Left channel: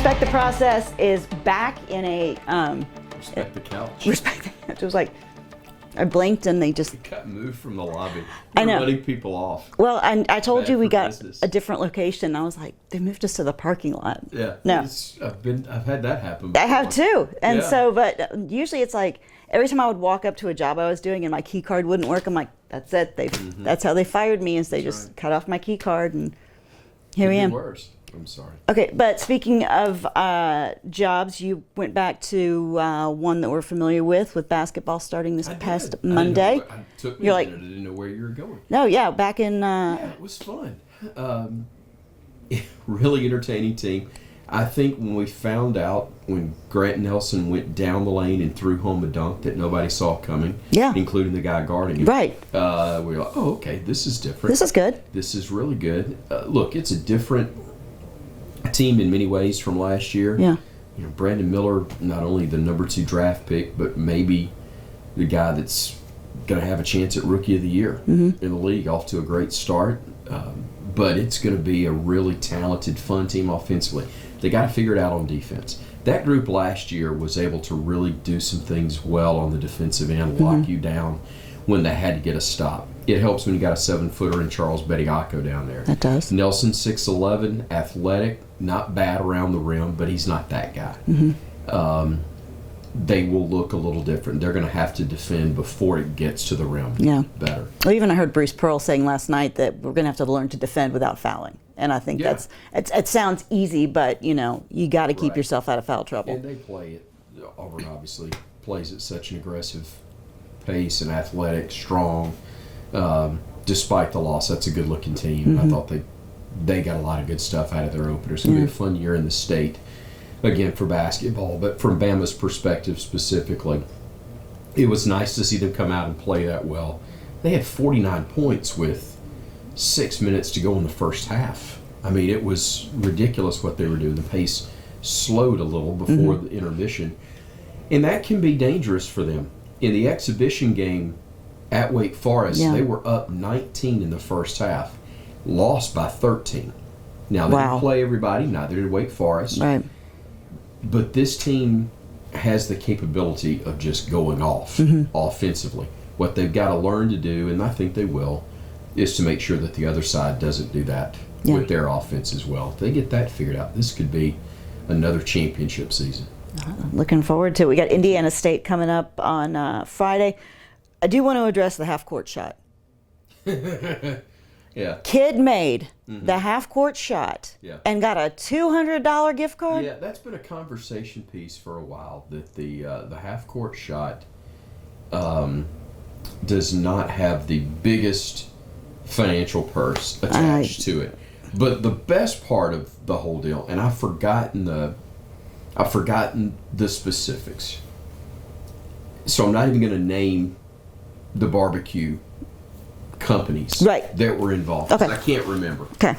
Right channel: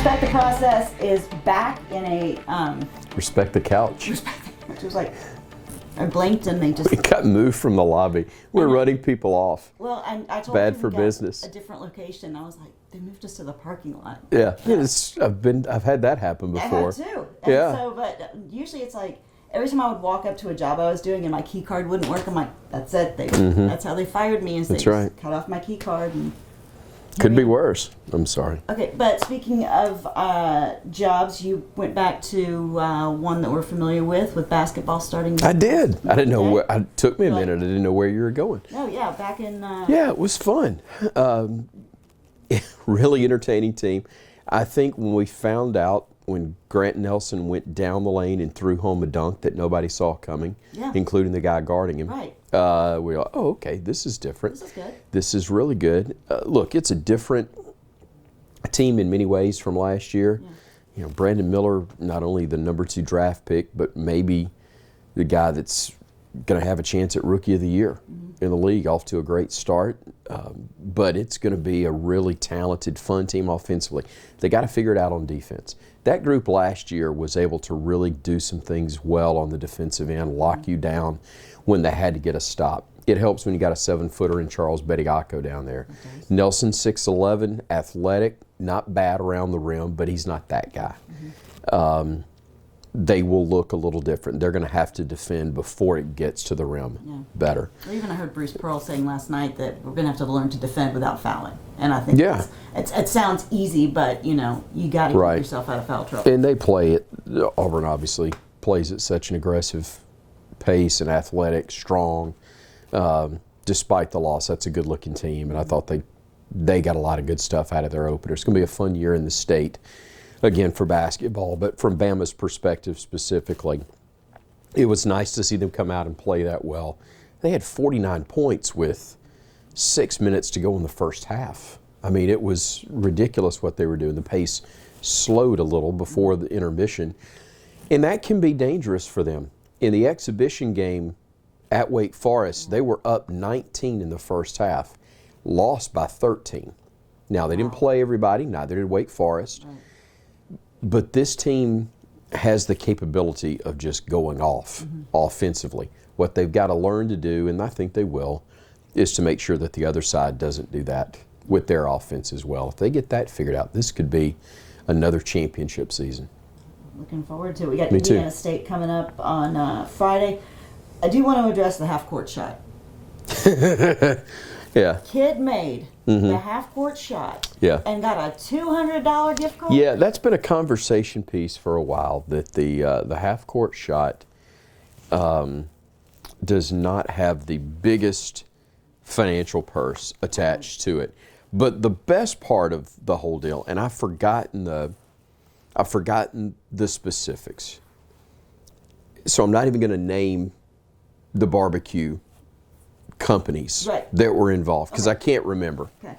Respect the Process is back in a Respect the couch. It was like I blinked and they just. We got moved from the lobby. We're running people off. Well, and I told you we got business. a different location. I was like, they moved us to the parking lot. Yeah, No. I've had that happen before. I have too, and Yeah. so, but usually it's like every time I would walk up to a job I was doing and my key card wouldn't work, I'm like, that's it. That's how they fired me. Is they That's just right. cut off my key card and. Here Could we be am. worse. I'm sorry. Okay, but speaking of jobs, you went back to one that we're familiar with basketball starting this I did. past I didn't Monday. know. It took me You're a like- minute. I didn't know where you were going. No, yeah, back in. Yeah, it was fun. Really entertaining team. I think when we found out when Grant Nelson went down the lane and threw home a dunk that nobody saw coming, Yeah. including the guy guarding him. Right. We were like, oh, okay, this is different. This is good. This is really good. Look, it's a different team in many ways from last year. Yeah. You know, Brandon Miller, not only the number 2 draft pick, but maybe the guy that's going to have a chance at Rookie of the Year in the league, off to a great start. But it's going to be a really talented, fun team offensively. They got to figure it out on defense. That group last year was able to really do some things well on the defensive end, lock you down when they had to get a stop. It helps when you got a 7-footer in Charles Bediako down there. That does. Nelson, 6'11", athletic, not bad around the rim, but he's not that guy. They will look a little different. They're going to have to defend before it gets to the rim better. Well, even I heard Bruce Pearl saying last night that we're going to have to learn to defend without fouling. And I think it sounds easy, but, you got to keep yourself out of foul trouble. And they play it. Auburn obviously plays at such an aggressive pace and athletic, strong. Despite the loss, that's a good-looking team. And I thought they got a lot of good stuff out of their opener. It's going to be a fun year in the state, again, for basketball. But from Bama's perspective specifically, it was nice to see them come out and play that well. They had 49 points with 6 minutes to go in the first half. I mean, it was ridiculous what they were doing. The pace slowed a little before the intermission. And that can be dangerous for them. In the exhibition game at Wake Forest, they were up 19 in the first half, lost by 13. Now, they didn't play everybody, neither did Wake Forest. Right. But this team has the capability of just going off offensively. What they've got to learn to do, and I think they will, is to make sure that the other side doesn't do that with their offense as well. If they get that figured out, this could be another championship season. Looking forward to it. We got Indiana State coming up on Friday. I do want to address the half-court shot. Yeah. Kid made the half-court shot and got a $200 gift card? Yeah, that's been a conversation piece for a while, that the half-court shot does not have the biggest financial purse attached to it. But the best part of the whole deal, and I've forgotten the specifics, so I'm not even going to name the barbecue companies that were involved, because I can't remember. Okay.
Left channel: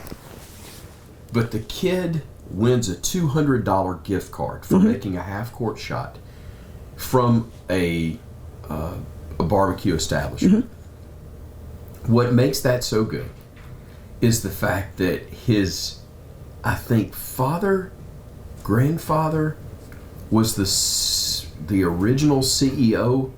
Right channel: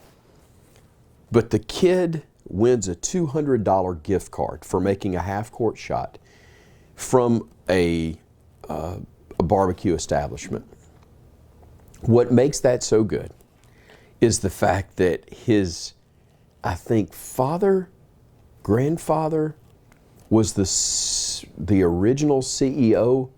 But the kid wins a $200 gift card for making a half-court shot from a barbecue establishment. What makes that so good is the fact that his, I think, grandfather was the original CEO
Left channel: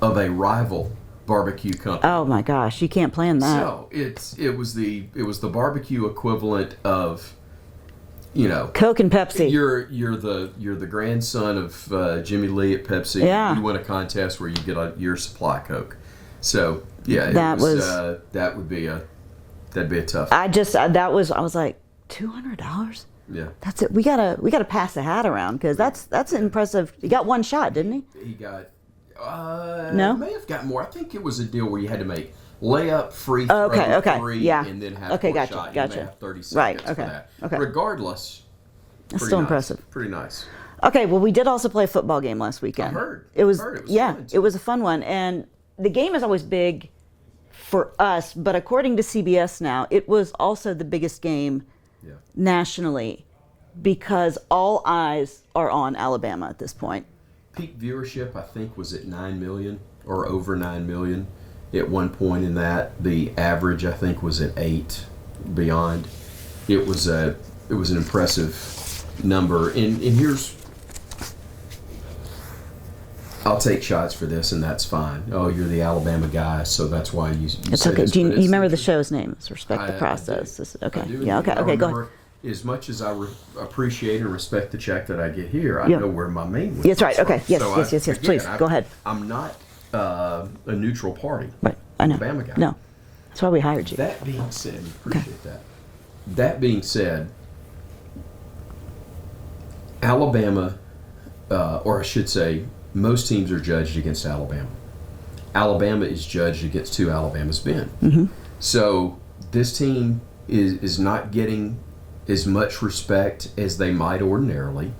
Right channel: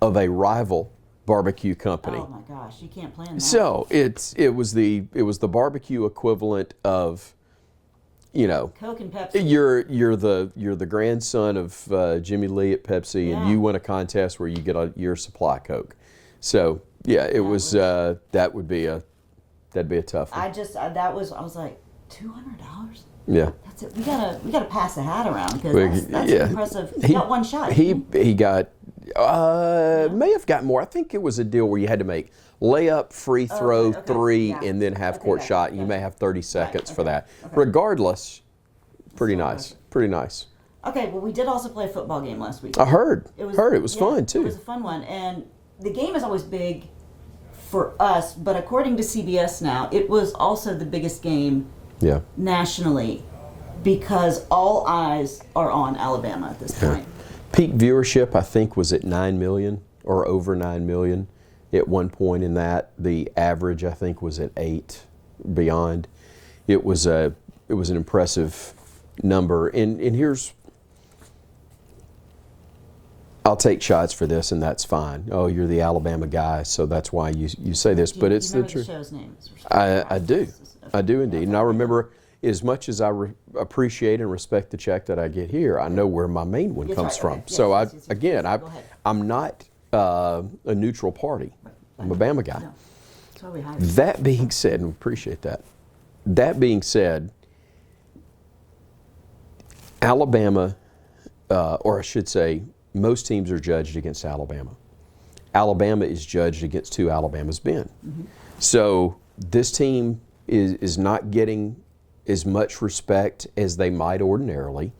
of a rival barbecue company. Oh my gosh, you can't plan that. So it was the barbecue equivalent of, Coke and Pepsi. You're the grandson of Jimmy Lee at Pepsi, and you win a contest where you get your supply Coke. So that'd be a tough one. I was like, $200? Yeah, that's it. We gotta pass the hat around, because that's an impressive. He got one shot. He got may have got more. I think it was a deal where you had to make layup, free throw, three, and then half-court shot. You may have 30 seconds for that. Okay. Regardless, That's pretty still nice. impressive. Pretty nice. Okay, well, we did also play a football game last weekend. I heard. It was fun too. It was a fun one, and the game is always big for us, but according to CBS now, it was also the biggest game nationally, because all eyes are on Alabama at this point. Peak viewership, I think, was at 9 million or over 9 million at one point in that. The average, I think, was at 8 beyond. It was an impressive number, and here's, I'll take shots for this, and that's fine. Oh, you're the Alabama guy, so that's why you say okay. this. Do you, but it's you remember the truth. show's name? It's Respect the Process. I do. I do indeed. Yeah, okay, And I okay, remember, as much as I appreciate and respect the check that I get here, I know where my main one That's comes right. Okay. from. Yes, So yes. again, Please, go ahead. I'm not a neutral party. Right. I'm I a know. Bama guy. No. That's why we hired you. That being said, and appreciate that. That being said, Alabama, or I should say, most teams are judged against Alabama. Alabama is judged against who Alabama's been. Mm-hmm. So this team is not getting as much respect as they might ordinarily.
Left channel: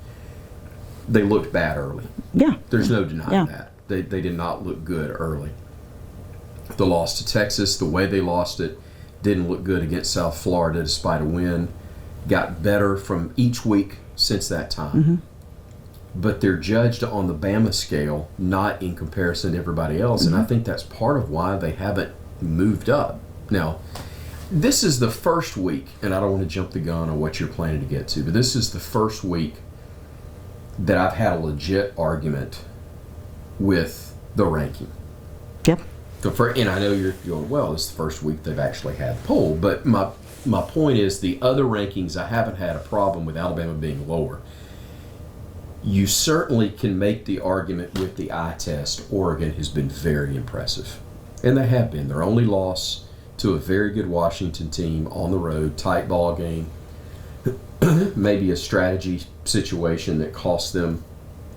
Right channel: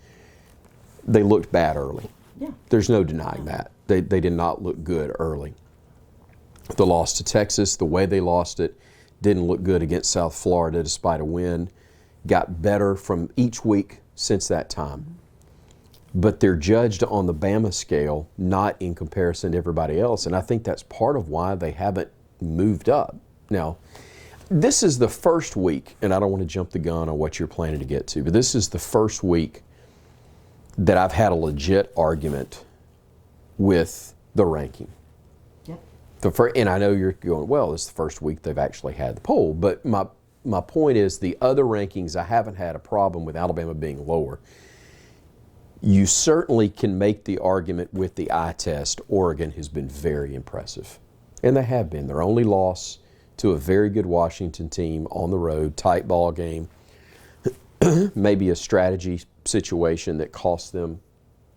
They looked bad early. Yeah. There's no denying that. They did not look good early. The loss to Texas, the way they lost it, didn't look good against South Florida despite a win. Got better from each week since that time. Mm-hmm. But they're judged on the Bama scale, not in comparison to everybody else. Mm-hmm. And I think that's part of why they haven't moved up. Now, this is the first week, and I don't want to jump the gun on what you're planning to get to, but this is the first week that I've had a legit argument with the ranking. Yep. And I know you're going, well, this is the first week they've actually had the poll. But my point is, the other rankings, I haven't had a problem with Alabama being lower. You certainly can make the argument with the eye test. Oregon has been very impressive. And they have been. Their only loss to a very good Washington team on the road, tight ball game, maybe a strategy situation that cost them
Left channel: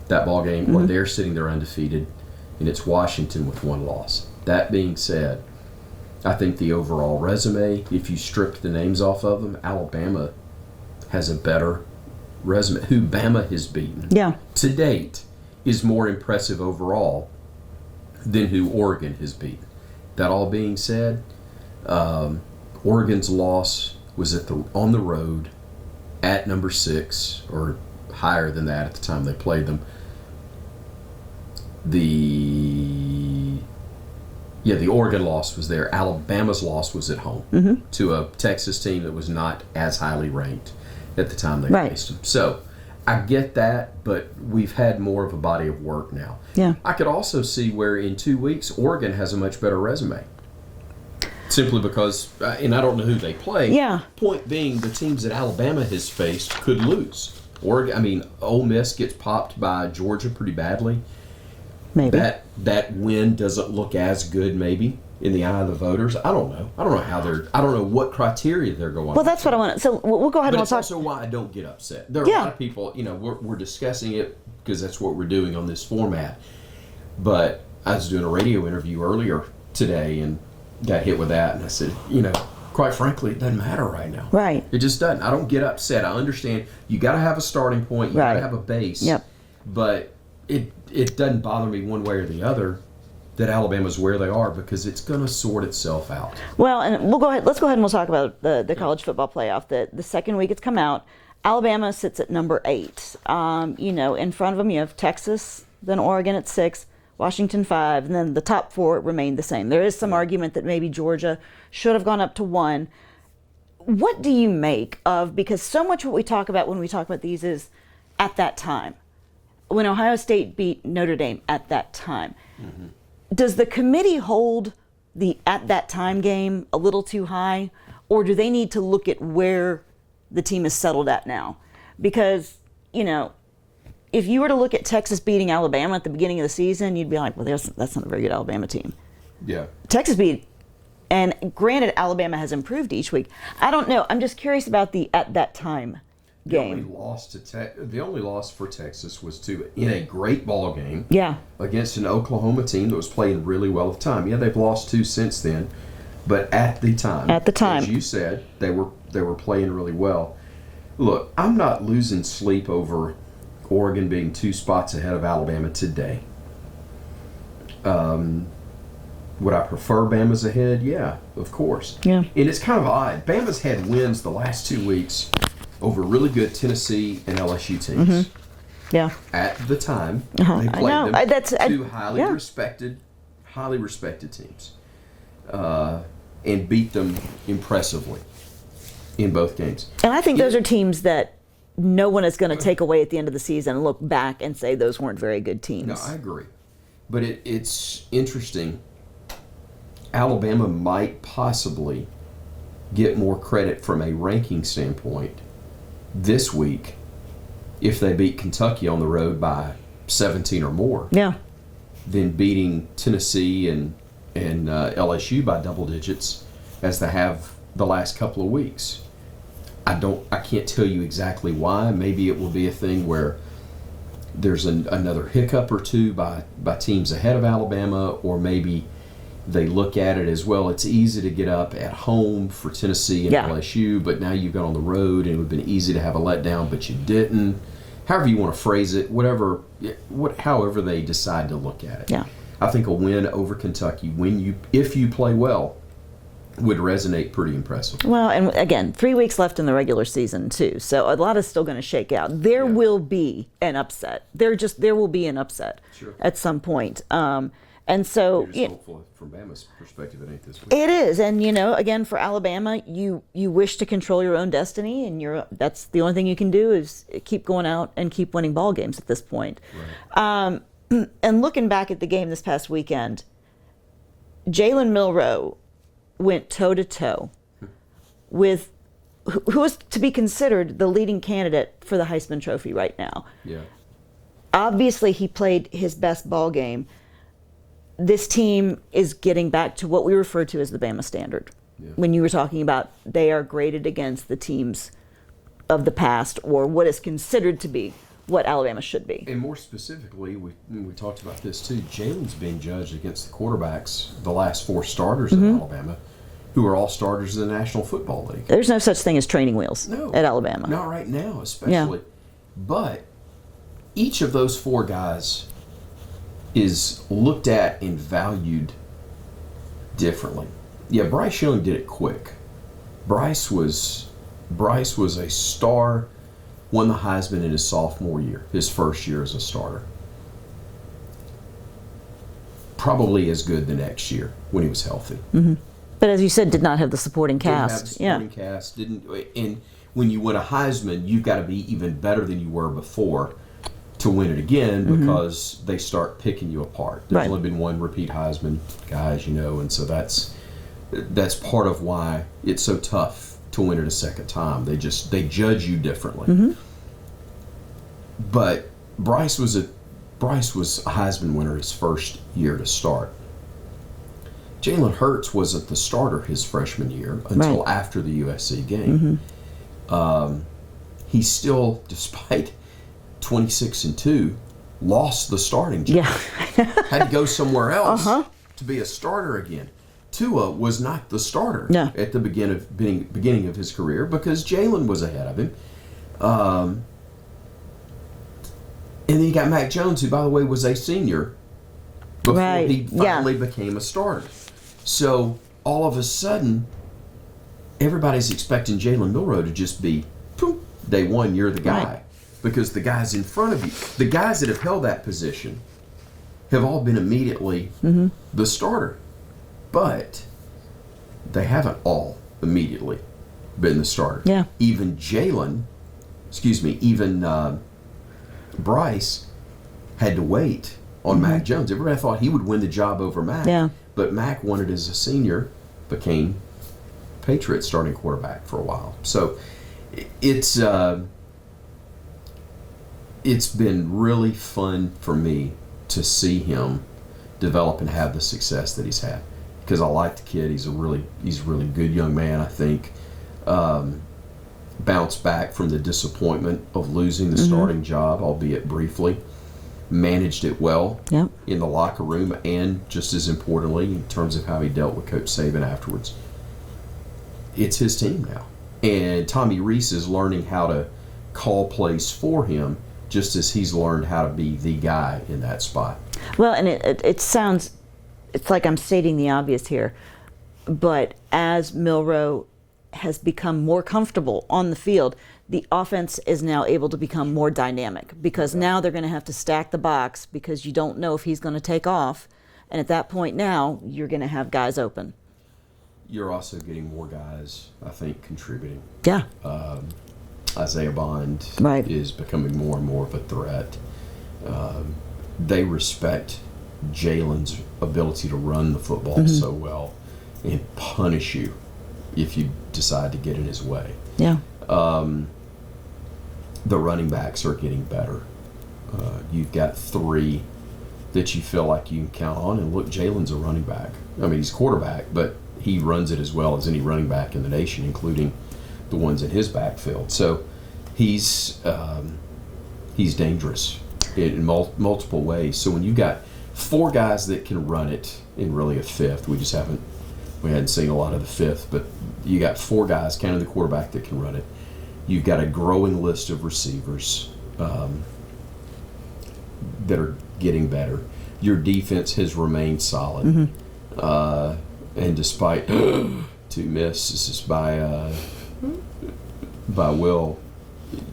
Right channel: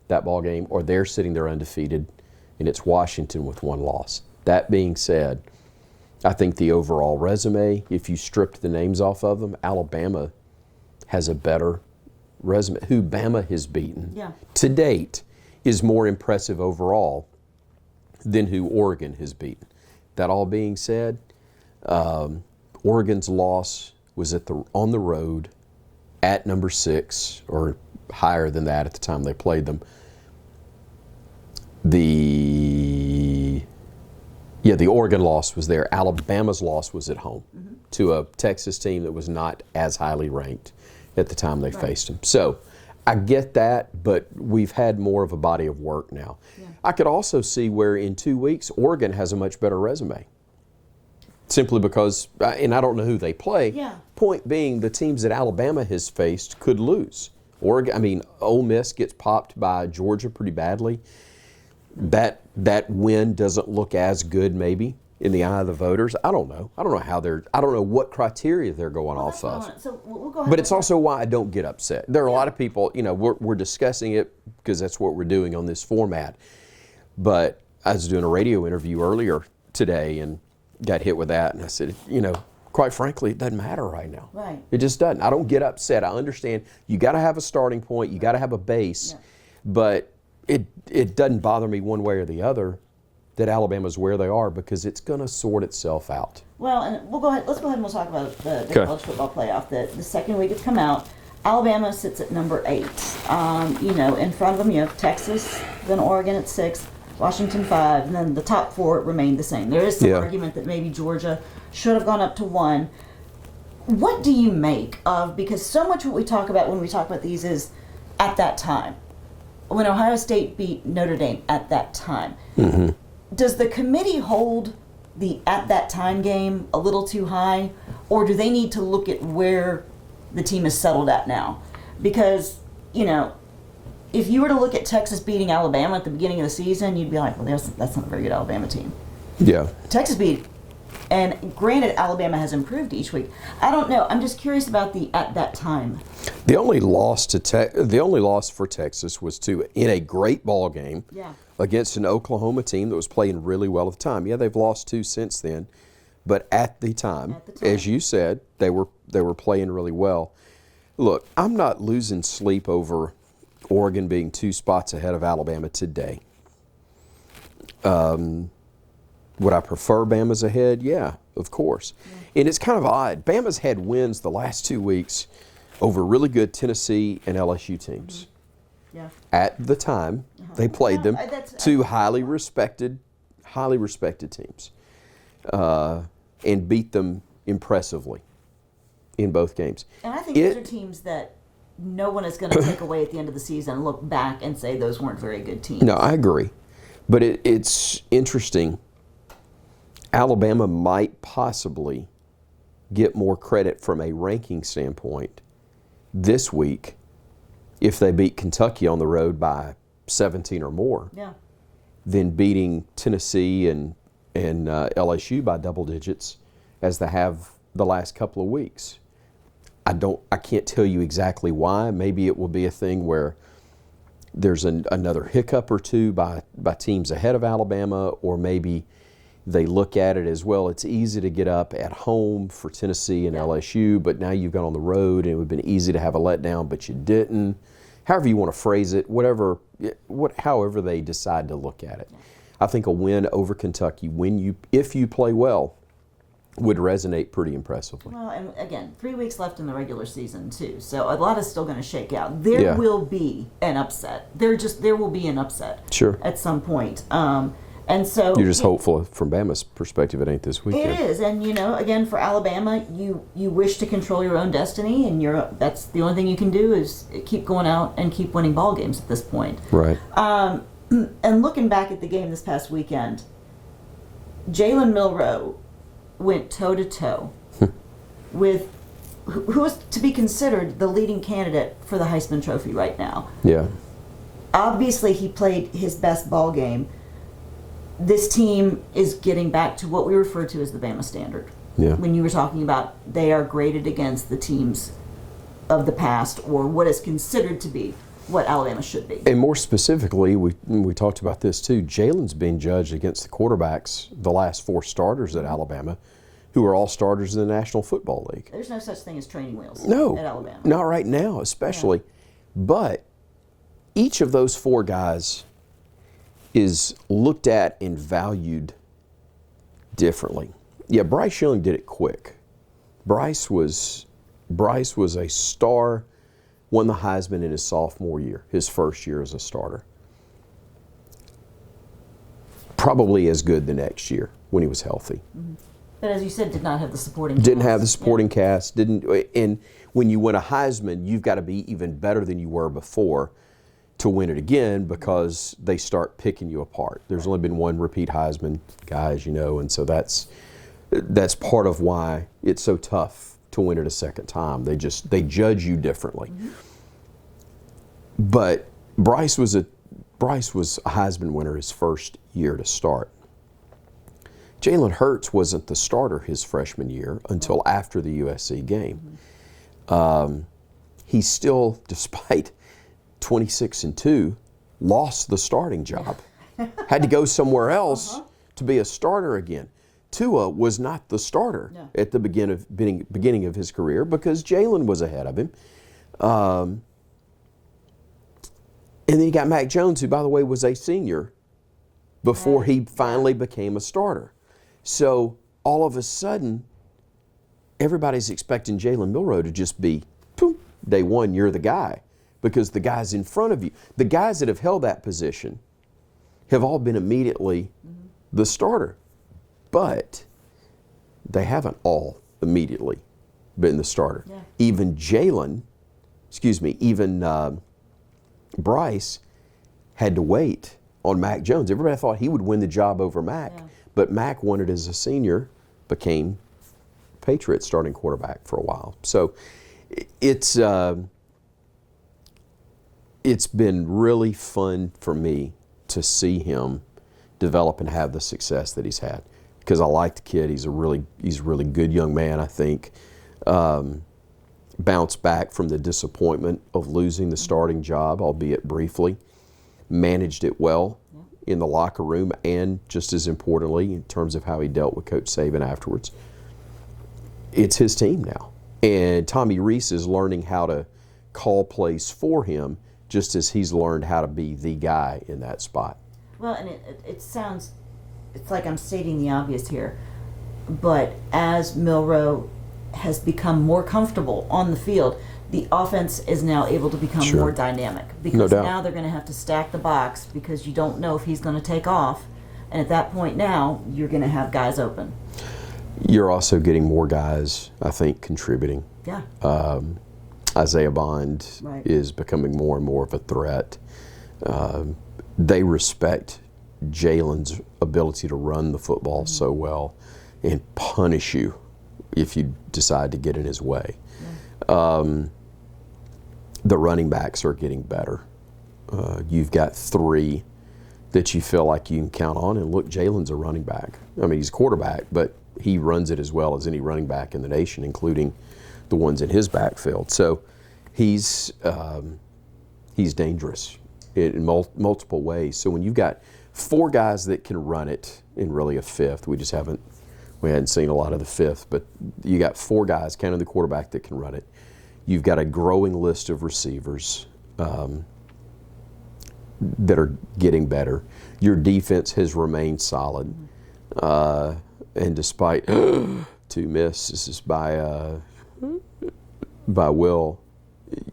that ball game, or they're sitting there undefeated, and it's Washington with one loss. That being said, I think the overall resume, if you strip the names off of them, Alabama has a better resume. Who Bama has beaten to date is more impressive overall than who Oregon has beaten. That all being said, Oregon's loss was on the road at number 6, or higher than that at the time they played them. The Oregon loss was there. Alabama's loss was at home to a Texas team that was not as highly ranked at the time they faced them. So I get that, but we've had more of a body of work now. Yeah. I could also see where in 2 weeks, Oregon has a much better resume. Simply because, and I don't know who they play. Yeah. Point being, the teams that Alabama has faced could lose. Ole Miss gets popped by Georgia pretty badly. Maybe. That win doesn't look as good, maybe, in the eye of the voters. I don't know. I don't know what criteria they're going. Well, that's what I want. So we'll go ahead. But it's also why I don't get upset. There are a lot of people. We're discussing it because that's what we're doing on this format. But I was doing a radio interview earlier today and got hit with that, and I said, quite frankly, it doesn't matter right now. Right. It just doesn't. I don't get upset. I understand you got to have a starting point. You got to have a base. Yep. But it doesn't bother me one way or the other that Alabama's where they are, because it's going to sort itself out. Well, and we'll go ahead. Let's go ahead and we'll talk about the college football playoff. The second week it's come out. Alabama sits at number 8. In front of them you have Texas, then Oregon at 6, Washington 5, and then the top 4 remain the same. There is some argument that maybe Georgia should have gone up to 1. What do you make of, because so much what we talk about when we talk about these is at that time, when Ohio State beat Notre Dame at that time. Mm-hmm. Does the committee hold the at that time game a little too high, or do they need to look at where the team is settled at now? Because, if you were to look at Texas beating Alabama at the beginning of the season, you'd be like, well, that's not a very good Alabama team. Yeah. Texas beat, and granted, Alabama has improved each week. I don't know. I'm just curious about the at that time. The only loss for Texas was in a great ball game. Yeah. Against an Oklahoma team that was playing really well at the time. Yeah, they've lost 2 since then, but at the time, as you said, they were playing really well. Look, I'm not losing sleep over Oregon being 2 spots ahead of Alabama today. Would I prefer Bama's ahead? Yeah, of course. Yeah. And it's kind of odd. Bama's had wins the last 2 weeks over really good Tennessee and LSU teams. Mm-hmm. Yeah. At the time, they played them. Two highly respected teams, and beat them impressively in both games. And I think those are teams that no one is going to take away at the end of the season and look back and say those weren't very good teams. No, I agree. But it's interesting. Alabama might possibly get more credit from a ranking standpoint this week if they beat Kentucky on the road by 17 or more. Yeah. Than beating Tennessee and LSU by double digits as they have the last couple of weeks. I can't tell you exactly why. Maybe it will be a thing where there's another hiccup or two by teams ahead of Alabama, or maybe they look at it as, well, it's easy to get up at home for Tennessee and LSU, but now you've gone on the road and it would have been easy to have a letdown, but you didn't. However you want to phrase it, however they decide to look at it. Yeah. I think a win over Kentucky, if you play well, would resonate pretty impressive. Well, and again, 3 weeks left in the regular season too, so a lot is still going to shake out. There will be an upset. There will be an upset. Sure. At some point. And so you're just hopeful from Bama's perspective it ain't this week. It is, and again, for Alabama, you wish to control your own destiny, and that's the only thing you can do is keep going out and keep winning ball games at this point. Right. And looking back at the game this past weekend, Jalen Milroe went toe-to-toe with who is to be considered the leading candidate for the Heisman Trophy right now. Yeah. Obviously, he played his best ball game. This team is getting back to what we refer to as the Bama standard. Yeah. When you were talking about they are graded against the teams of the past, or what is considered to be what Alabama should be. And more specifically, we talked about this too, Jalen's being judged against the quarterbacks, the last 4 starters at Alabama, who are all starters in the National Football League. There's no such thing as training wheels at Alabama. Not right now, especially. Yeah. But each of those 4 guys is looked at and valued differently. Yeah, Bryce Young did it quick. Bryce was a star, won the Heisman in his sophomore year, his first year as a starter. Probably as good the next year when he was healthy. Mm-hmm. But as you said, did not have the supporting cast. Didn't have the supporting cast. And when you win a Heisman, you've got to be even better than you were before to win it again, because they start picking you apart. There's only been one repeat Heisman guy, as you know, and so that's part of why it's so tough to win it a second time. They judge you differently. Mm-hmm. But Bryce was a Heisman winner his first year to start. Jalen Hurts wasn't the starter his freshman year until after the USC game. Mm-hmm. He still, despite 26-2, lost the starting job. Yeah. Had to go somewhere else to be a starter again. Tua was not the starter at the beginning of his career because Jalen was ahead of him. And then you got Mac Jones, who, by the way, was a senior before he finally became a starter. So all of a sudden, everybody's expecting Jalen Milroe to just be, poof, day one, you're the guy. Right. Because the guys in front of you, the guys that have held that position, have all been immediately the starter. But they haven't all immediately been the starter. Yeah. Even Bryce had to wait on Mac Jones. Everybody thought he would win the job over Mac. Yeah. But Mac won it as a senior, became Patriots starting quarterback for a while. So it's been really fun for me to see him develop and have the success that he's had. Because I like the kid. He's a really good young man, I think. Bounced back from the disappointment of losing the starting job, albeit briefly. Managed it well in the locker room, and just as importantly, in terms of how he dealt with Coach Saban afterwards. It's his team now. And Tommy Rees is learning how to call plays for him, just as he's learned how to be the guy in that spot. Well, and it sounds, it's like I'm stating the obvious here, but as Milroe has become more comfortable on the field, the offense is now able to become more dynamic, because now they're going to have to stack the box because you don't know if he's going to take off. And at that point now, you're going to have guys open. You're also getting more guys, I think, contributing. Yeah. Isaiah Bond Right. is becoming more and more of a threat. They respect Jalen's ability to run the football so well and punish you if you decide to get in his way. Yeah. The running backs are getting better. You've got 3 that you feel like you can count on. And look, Jalen's a running back. I mean, he's quarterback, but he runs it as well as any running back in the nation, including the ones in his backfield. So he's dangerous in multiple ways. So when you've got 4 guys that can run it, and really a 5th, we hadn't seen a lot of the 5th, but you got 4 guys, counting the quarterback, that can run it. You've got a growing list of receivers that are getting better. Your defense has remained solid. And despite 2 misses by Will,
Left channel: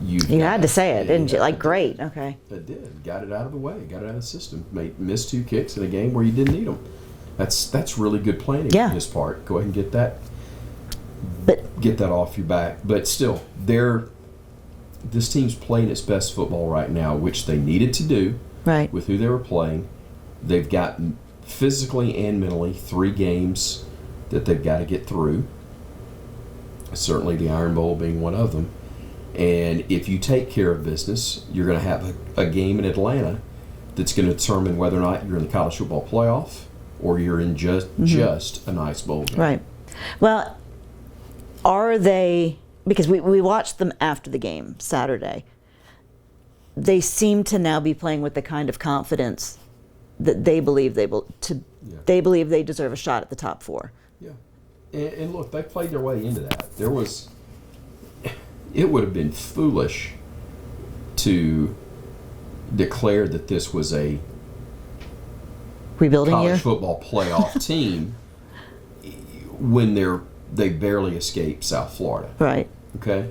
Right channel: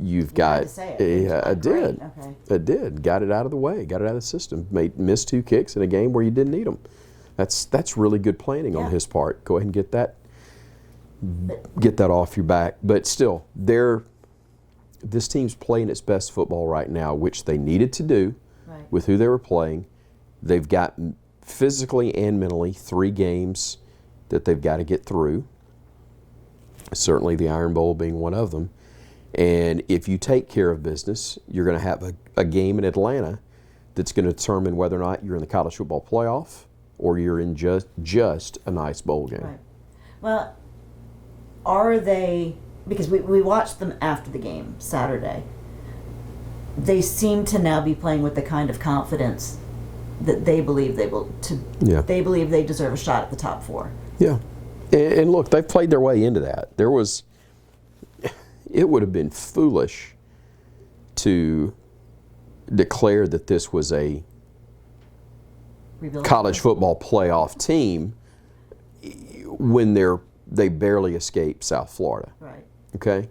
You had to say it, didn't you? Like, great. Okay. It did. Got it out of the way. Got it out of the system. Missed 2 kicks in a game where you didn't need them. That's really good planning on his part. Go ahead and get that off your back. But still, this team's playing its best football right now, which they needed to do with who they were playing. They've got physically and mentally 3 games that they've got to get through. Certainly the Iron Bowl being one of them. And if you take care of business, you're going to have a game in Atlanta that's going to determine whether or not you're in the college football playoff or you're in just a nice bowl game. Right. Well, are they, because we watched them after the game Saturday, they seem to now be playing with the kind of confidence that they believe they believe they deserve a shot at the top 4. Yeah. And look, they've played their way into that. It would have been foolish to declare that this was a rebuilding college year? Football playoff team when they barely escaped South Florida. Right. Okay?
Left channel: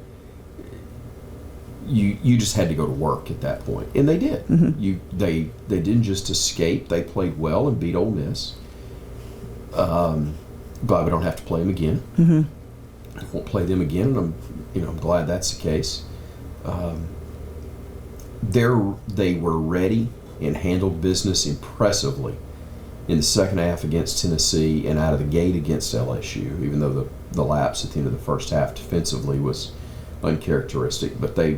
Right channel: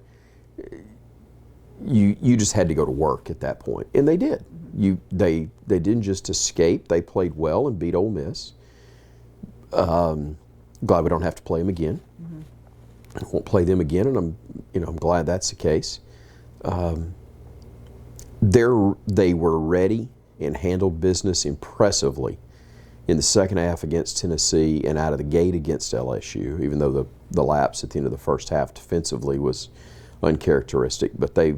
You just had to go to work at that point, and they did. They didn't just escape; they played well and beat Ole Miss. Glad we don't have to play them again. I won't play them again, and I'm glad that's the case. They were ready and handled business impressively in the second half against Tennessee and out of the gate against LSU, even though the lapse at the end of the first half defensively was uncharacteristic. But they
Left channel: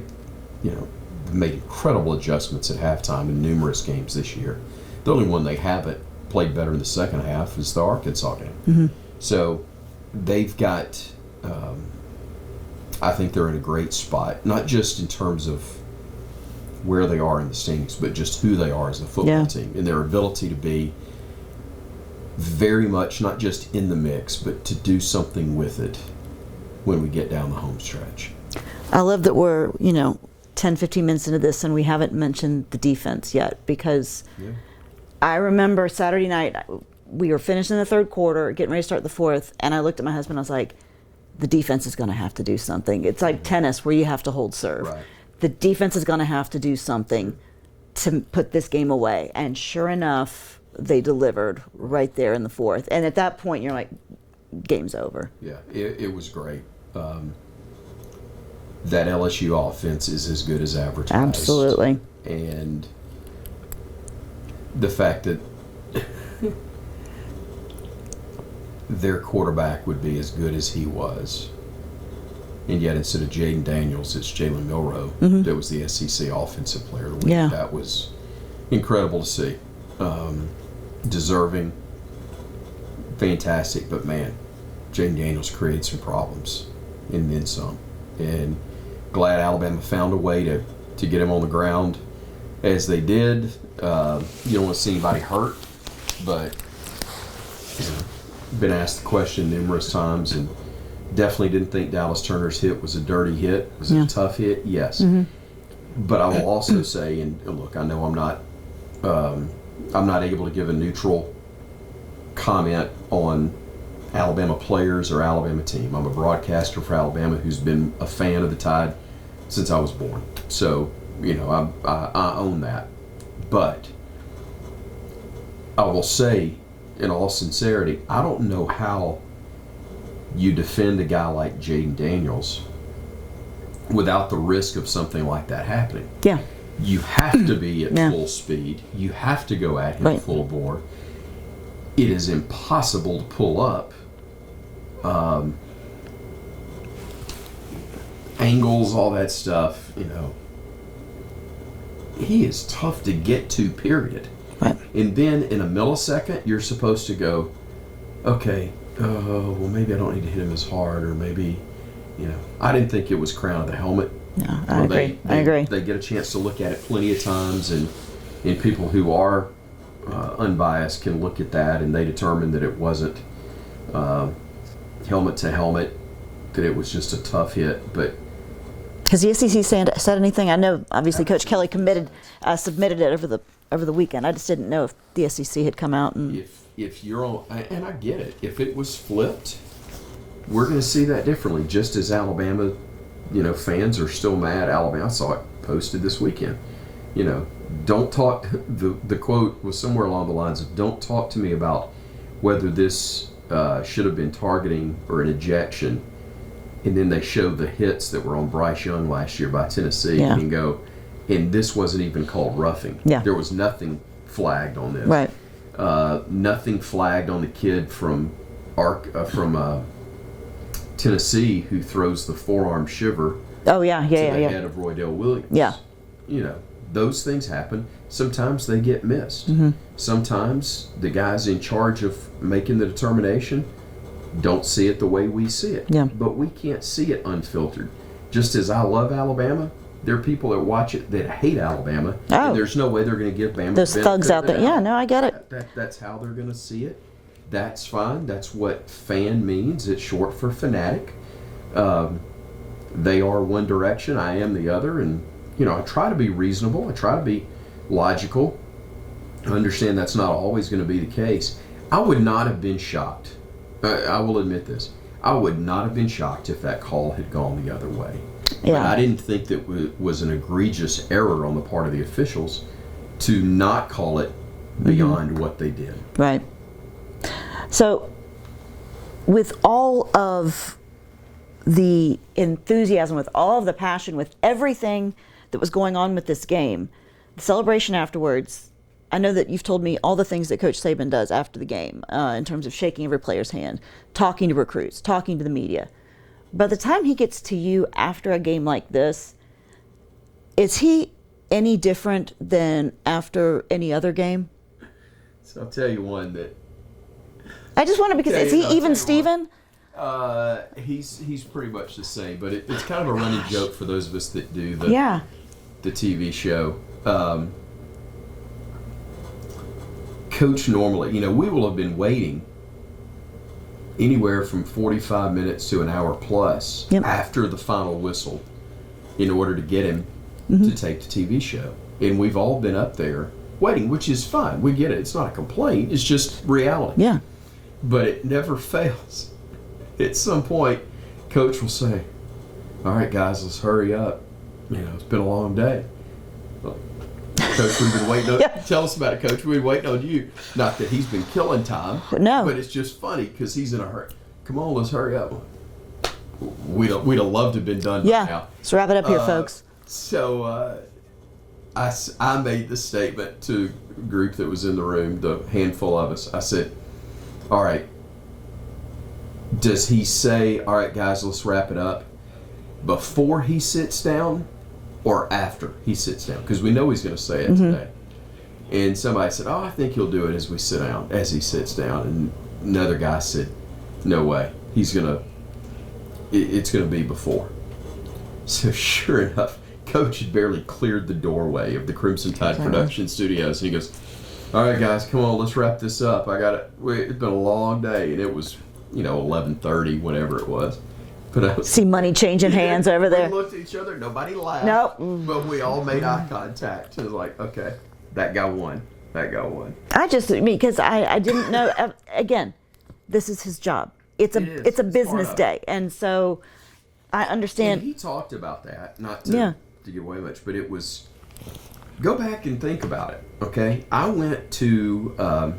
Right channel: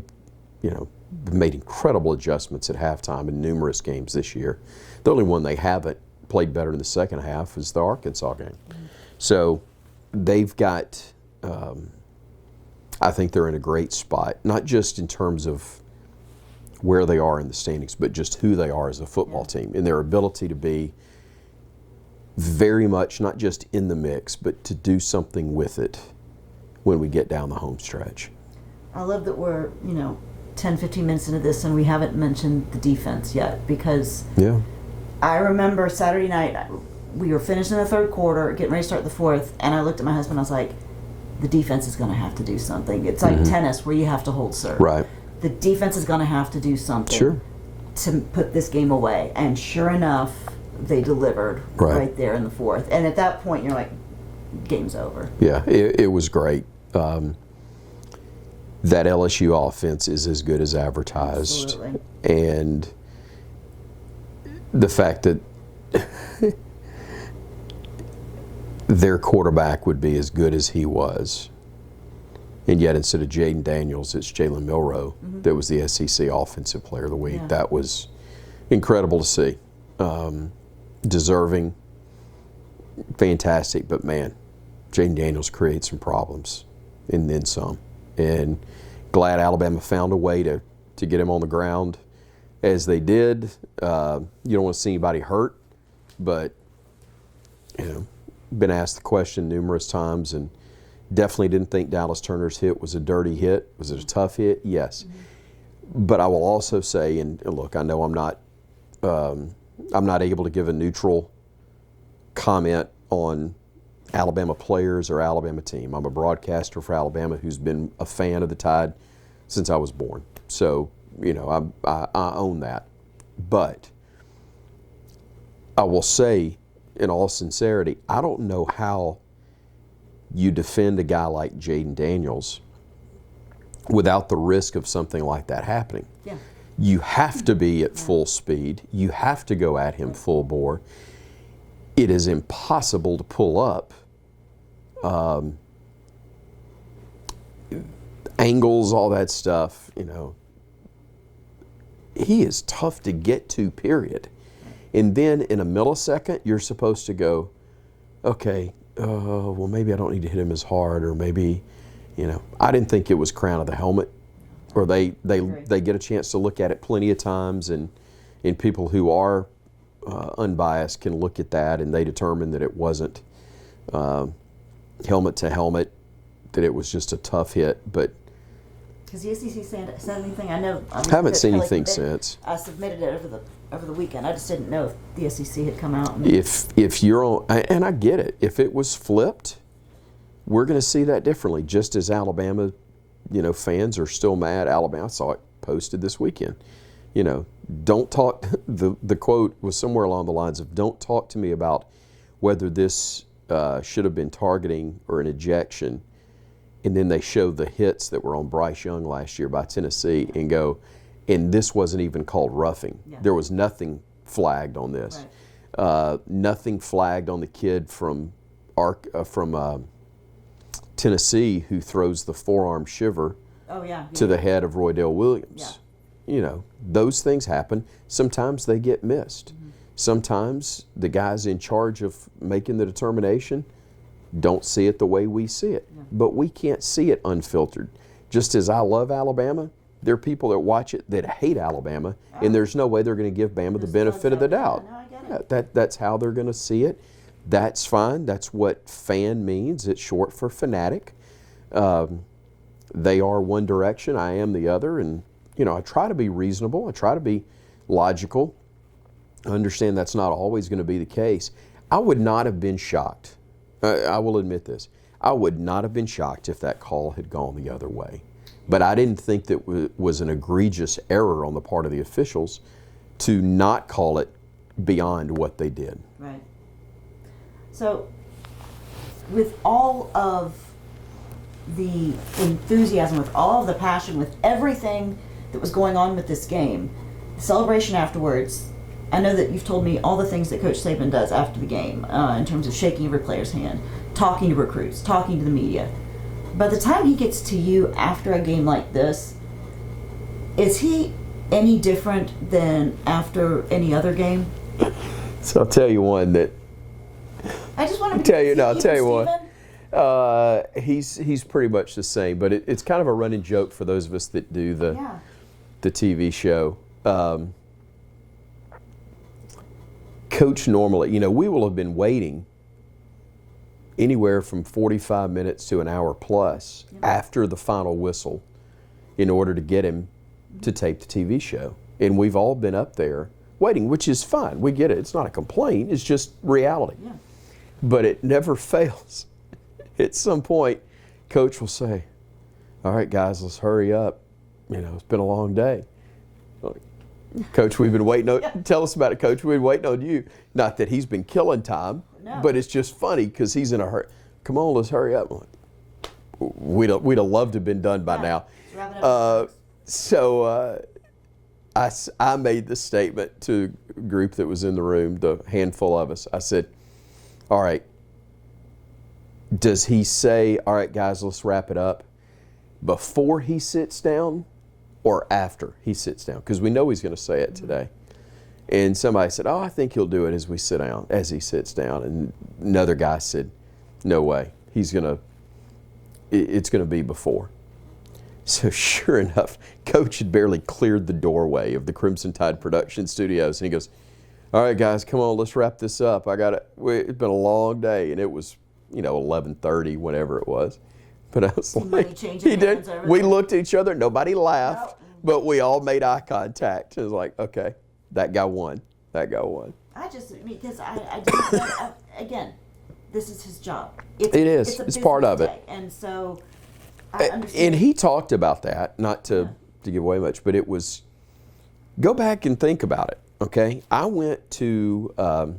made incredible adjustments at halftime in numerous games this year. The only one they haven't played better in the second half is the Arkansas game. So they've got, I think they're in a great spot, not just in terms of where they are in the standings, but just who they are as a football team and their ability to be very much not just in the mix, but to do something with it when we get down the home stretch. I love that we're, 10, 15 minutes into this and we haven't mentioned the defense yet, because I remember Saturday night, we were finishing the 3rd quarter, getting ready to start the 4th, and I looked at my husband, I was like, the defense is going to have to do something. It's like tennis where you have to hold serve. Right. The defense is going to have to do something to put this game away. And sure enough, they delivered right there in the 4th. And at that point, you're like, game's over. Yeah, it was great. That LSU offense is as good as advertised. Absolutely. And the fact that their quarterback would be as good as he was, and yet instead of Jaden Daniels, it's Jalen Milroe that was the SEC Offensive Player of the Week. That was incredible to see. Deserving, fantastic, but man, Jaden Daniels created some problems and then some. And glad Alabama found a way to get him on the ground as they did. You don't want to see anybody hurt, but been asked the question numerous times, and definitely didn't think Dallas Turner's hit was a dirty hit. Was it a tough hit? Yes. But I will also say, and look, I know I'm not able to give a neutral comment on Alabama players or Alabama team. I'm a broadcaster for Alabama who's been a fan of the Tide since I was born. So, I own that. But I will say, in all sincerity, I don't know how you defend a guy like Jaden Daniels without the risk of something like that happening. Yeah. You have to be at Yeah. full speed. You have to go at him Right. full bore. It is impossible to pull up angles, all that stuff. He is tough to get to, period. Right. And then in a millisecond, you're supposed to go, okay, well, maybe I don't need to hit him as hard, or maybe, I didn't think it was crown of the helmet. No, I agree. I agree. They get a chance to look at it plenty of times, and people who are unbiased can look at that, and they determine that it wasn't helmet to helmet, that it was just a tough hit. But has the SEC said anything? I know obviously Coach Kelly submitted it over the weekend. I just didn't know if the SEC had come out. And if you're on, and I get it, if it was flipped, we're going to see that differently. Just as Alabama, fans are still mad. Alabama, I saw it posted this weekend. Don't talk. The quote was somewhere along the lines of, "Don't talk to me about whether this should have been targeting or an ejection." And then they show the hits that were on Bryce Young last year by Tennessee, and go, and this wasn't even called roughing. Yeah. There was nothing flagged on this. Right. Nothing flagged on the kid from Tennessee who throws the forearm shiver to the head of Roydell Williams. Yeah. Those things happen. Sometimes they get missed. Mm-hmm. Sometimes the guys in charge of making the determination don't see it the way we see it. Yeah. But we can't see it unfiltered. Just as I love Alabama, there are people that watch it that hate Alabama, and there's no way they're going to give Bama those the benefit thugs out of the there. doubt. Yeah, no, I get it. That's how they're going to see it. That's fine. That's what fan means. It's short for fanatic. They are one direction. I am the other. And, I try to be reasonable. I try to be logical. I understand that's not always going to be the case. I would not have been shocked. I will admit this. I would not have been shocked if that call had gone the other way. Yeah. But I didn't think that it was an egregious error on the part of the officials to not call it beyond what they did. Right. So, with all of the enthusiasm, with all of the passion, with everything that was going on with this game, the celebration afterwards, I know that you've told me all the things that Coach Saban does after the game in terms of shaking every player's hand, talking to recruits, talking to the media. By the time he gets to you after a game like this, is he any different than after any other game? So I'll tell you one that... I just want to, because is he even Steven? He's pretty much the same, but it's kind of a running joke for those of us that do the TV show. Coach normally, we will have been waiting anywhere from 45 minutes to an hour plus after the final whistle in order to get him to take the TV show. And we've all been up there waiting, which is fine. We get it. It's not a complaint. It's just reality. Yeah. But it never fails. At some point, Coach will say, "All right, guys, let's hurry up. It's been a long day." Coach, we've been waiting on Tell us about it, Coach. We've been waiting on you. Not that he's been killing time, but it's just funny because he's in a hurry. Come on, let's hurry up. We'd have loved to have been done by now. Let's wrap it up here, folks. So I made the statement to a group that was in the room, the handful of us. I said, "All right, does he say, 'All right, guys, let's wrap it up,' before he sits down or after he sits down?" Because we know he's going to say it today. And somebody said, "Oh, I think he'll do it as he sits down." And another guy said, "No way. It's going to be before." So sure enough, Coach had barely cleared the doorway of the Crimson Tide production studios. And he goes, "All right, guys, come on, let's wrap this up. It's been a long day." And it was, 11:30, whatever it was. But I was see money changing hands over there. We looked at each other. Nobody laughed. Nope. But we all made eye contact. It was like, okay, that guy won. Because I didn't know. Again, this is his job. It's a business day, and so I understand. And he talked about that, not to give away much, but it was. Go back and think about it. Okay, I went to. I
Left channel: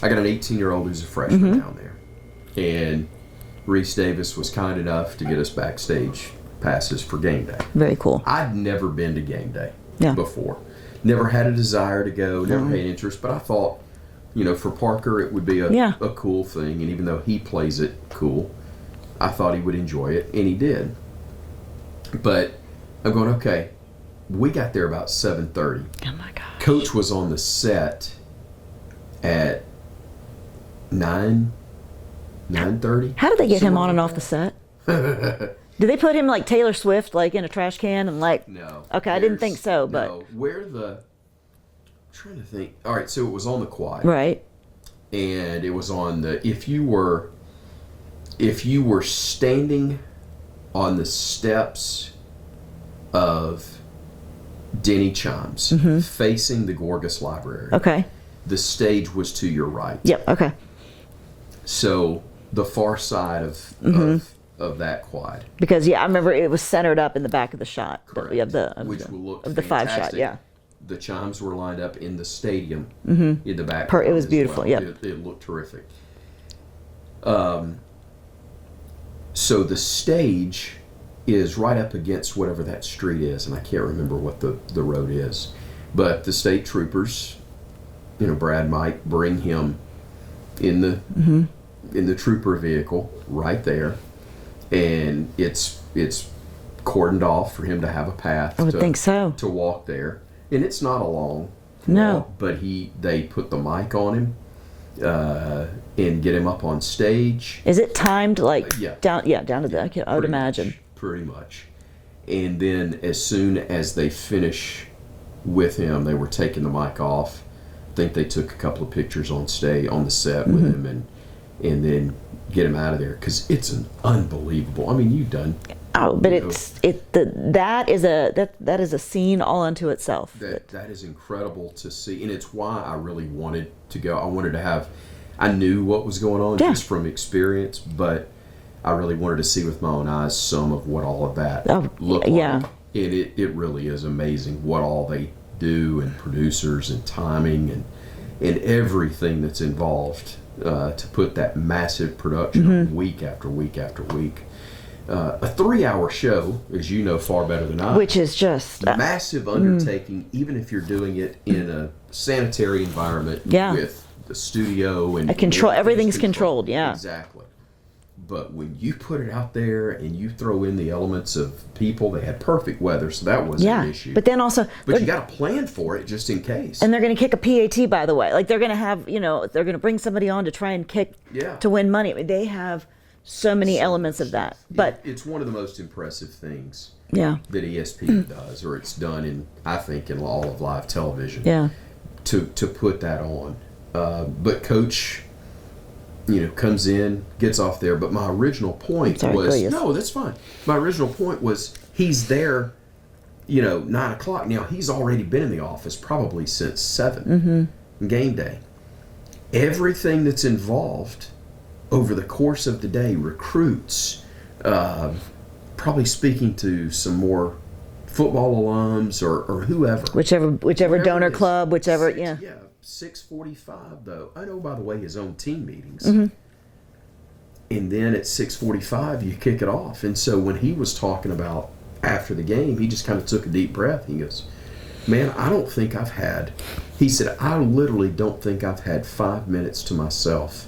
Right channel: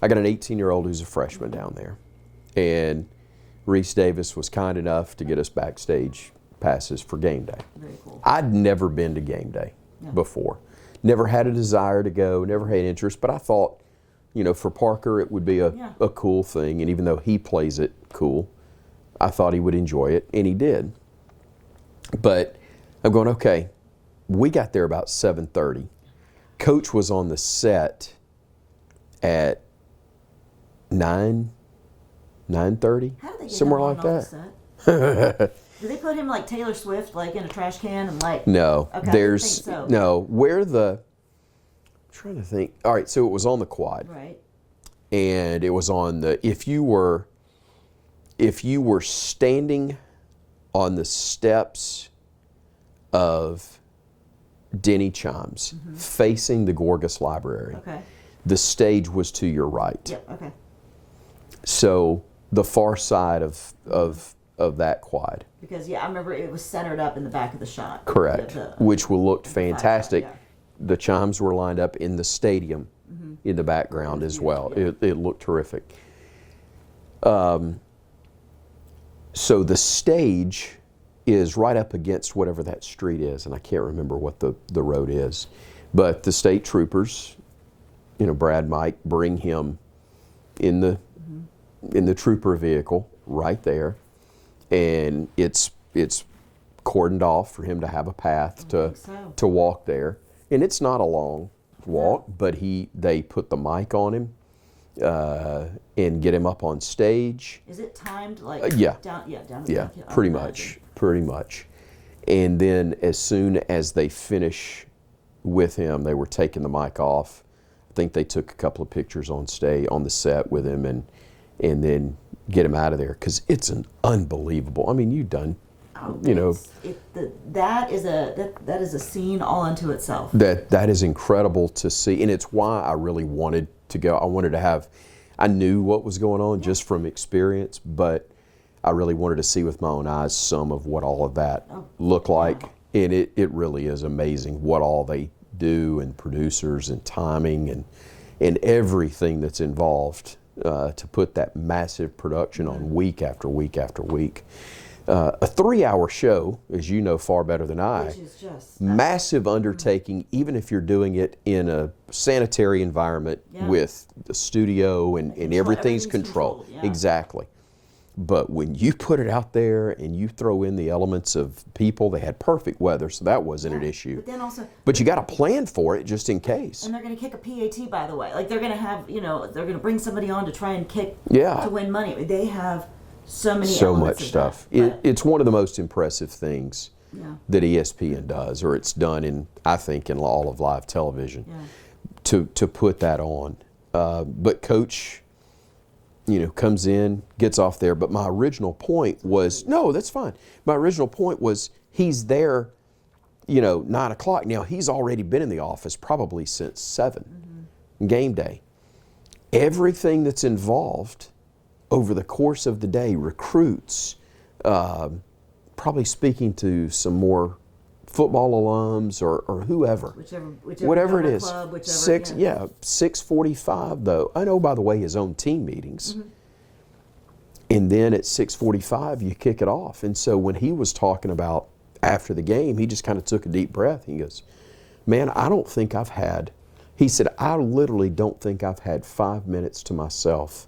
got an 18-year-old who's a freshman down there, and Reese Davis was kind enough to get us backstage passes for game day. Very cool. I'd never been to game day Yeah. before. Never had a desire to go, never had interest, but I thought, for Parker it would be a cool thing, and even though he plays it cool, I thought he would enjoy it, and he did. But I'm going, okay, we got there about 7:30. Oh my gosh. Coach was on the set at 9:30. How did they get him somewhere on and like off the that. set? Did they put him like Taylor Swift, like in a trash can and like? No. Okay, I didn't think so. No, I'm trying to think. All right, so it was on the quad. Right. And it was on the, if you were standing on the steps of Denny Chimes, facing the Gorgas Library. Okay. The stage was to your right. Yep. Okay. So the far side of that quad. Because I remember it was centered up in the back of the shot. Correct. Which will look fantastic. Shot, yeah. The chimes were lined up in the stadium in the background it was as beautiful, well. yep. It looked terrific. So the stage is right up against whatever that street is, and I can't remember what the road is. But the state troopers, Brad might bring him in the trooper vehicle right there, and it's cordoned off for him to have a path I would think so. to walk there. And it's not a long walk, but they put the mic on him and get him up on stage. Is it timed like down to the back? I would imagine. Pretty much. And then as soon as they finish with him, they were taking the mic off. I think they took a couple of pictures on the set with him and then get him out of there, because it's an unbelievable. I mean, you've done. Oh, but that is a scene all unto itself. That is incredible to see, and it's why I really wanted to go. I knew what was going on just from experience, but I really wanted to see with my own eyes some of what all of that looked like. And it really is amazing what all they do, and producers and timing and everything that's involved to put that massive production on week after week after week. A 3-hour show, as you know far better than I, which is just massive undertaking, even if you're doing it in a sanitary environment with the studio and everything's controlled. Yeah, exactly. But when you put it out there and you throw in the elements of people, they had perfect weather, so that wasn't an issue. But then also, you got to plan for it just in case. And they're going to kick a PAT, by the way. Like they're going to have, they're going to bring somebody on to try and kick to win money. I mean, they have so many elements of stuff. That. But it's one of the most impressive things that ESPN does, or it's done in all of live television. Yeah. To put that on, but Coach, comes in, gets off there. But my original point was no, that's fine. My original point was he's there, 9 o'clock. Now he's already been in the office probably since 7 game day. Everything that's involved over the course of the day, recruits, probably speaking to some more football alums or whoever. Whichever donor club, 6:45 though. I know, by the way, his own team meetings. And then at 6:45 you kick it off. And so when he was talking about after the game, he just kind of took a deep breath. He goes, man, I literally don't think I've had 5 minutes to myself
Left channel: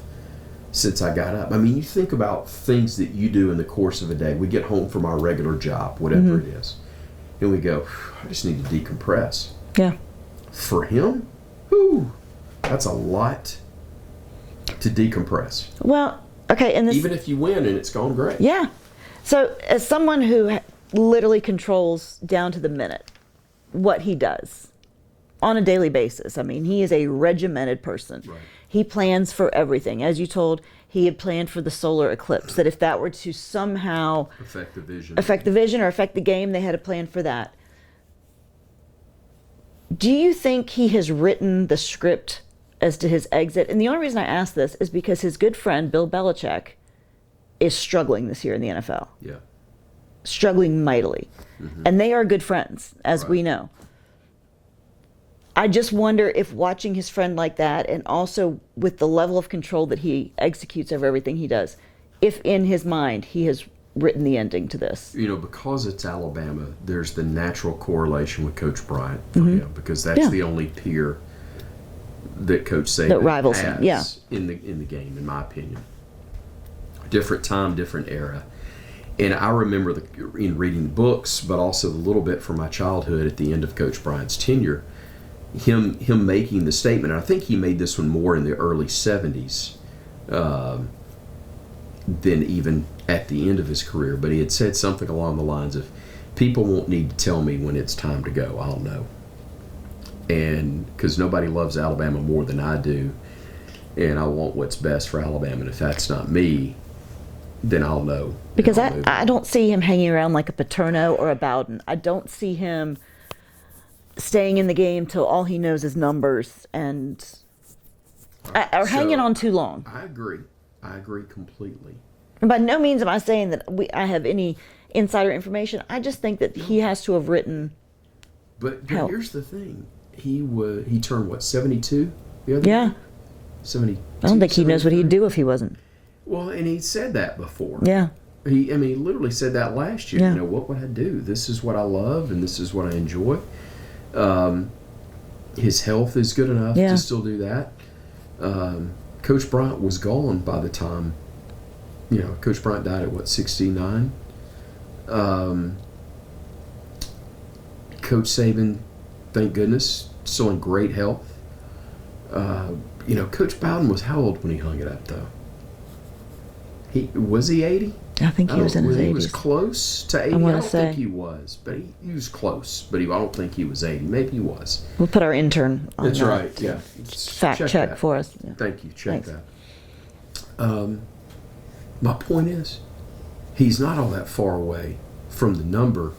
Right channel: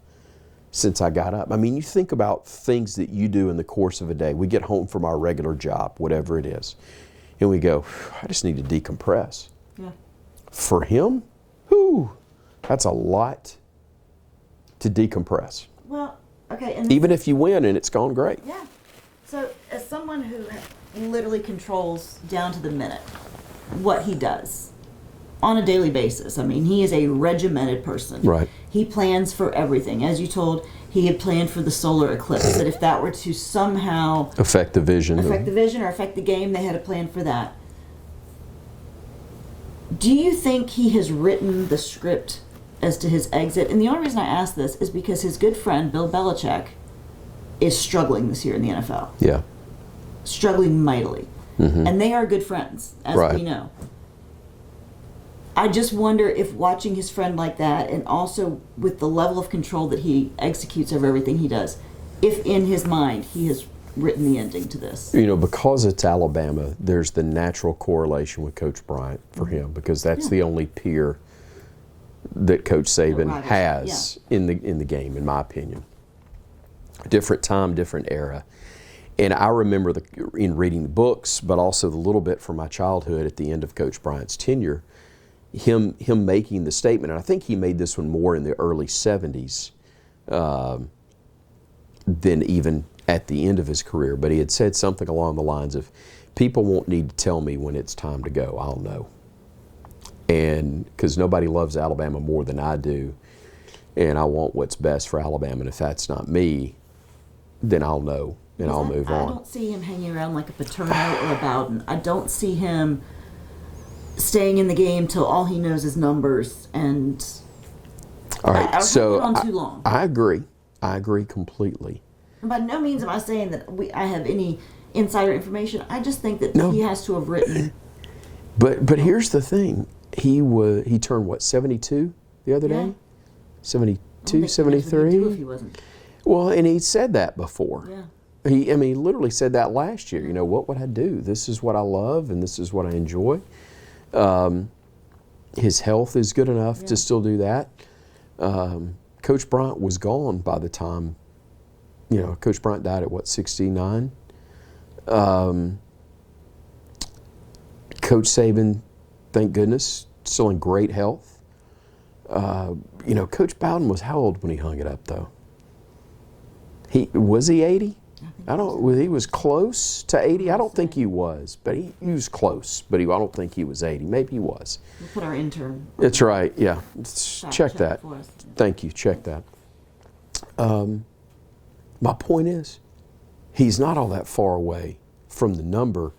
since I got up. I mean, you think about things that you do in the course of a day. We get home from our regular job, whatever it is, and we go, I just need to decompress. Yeah. For him, that's a lot to decompress. Well, okay. And even if you win and it's gone great. Yeah. So as someone who literally controls down to the minute what he does on a daily basis, I mean, he is a regimented person. Right. He plans for everything. As you told, he had planned for the solar eclipse, that if that were to somehow affect the vision or affect the game, they had a plan for that. Do you think he has written the script as to his exit? And the only reason I ask this is because his good friend, Bill Belichick, is struggling this year in the NFL. Yeah. Struggling mightily. And they are good friends, as we know. I just wonder if watching his friend like that, and also with the level of control that he executes over everything he does, if in his mind he has written the ending to this. Because it's Alabama, there's the natural correlation with Coach Bryant for him, because that's the only peer that Coach Saban has in the game, in my opinion. Different time, different era. And I remember in reading the books, but also the little bit from my childhood at the end of Coach Bryant's tenure, him making the statement, and I think he made this one more in the early 70s than even at the end of his career, but he had said something along the lines of, people won't need to tell me when it's time to go, I'll know. And because nobody loves Alabama more than I do, and I want what's best for Alabama, and if that's not me, then I'll know. Because I don't see him hanging around like a Paterno or a Bowden. I don't see him staying in the game till all he knows is numbers and hanging on too long. I agree. I agree completely. And by no means am I saying that I have any insider information. I just think that he has to have written. But here's the thing. He turned, what, 72 the other day? 72, I don't think he knows what he'd do if he wasn't. Well, and he said that before. Yeah. He literally said that last year. Yeah. What would I do? This is what I love, and this is what I enjoy. His health is good enough to still do that. Coach Bryant was gone by the time, Coach Bryant died at, 69? Coach Saban, thank goodness, still in great health. Coach Bowden was how old when he hung it up, though? Was he 80? I think he was in his 80s. He was close to 80. I don't think he was, but he was close. But I don't think he was 80. Maybe he was. We'll put our intern on That's right, yeah. Fact check that for us. Yeah. Thank you, check that. My point is, he's not all that far away from the number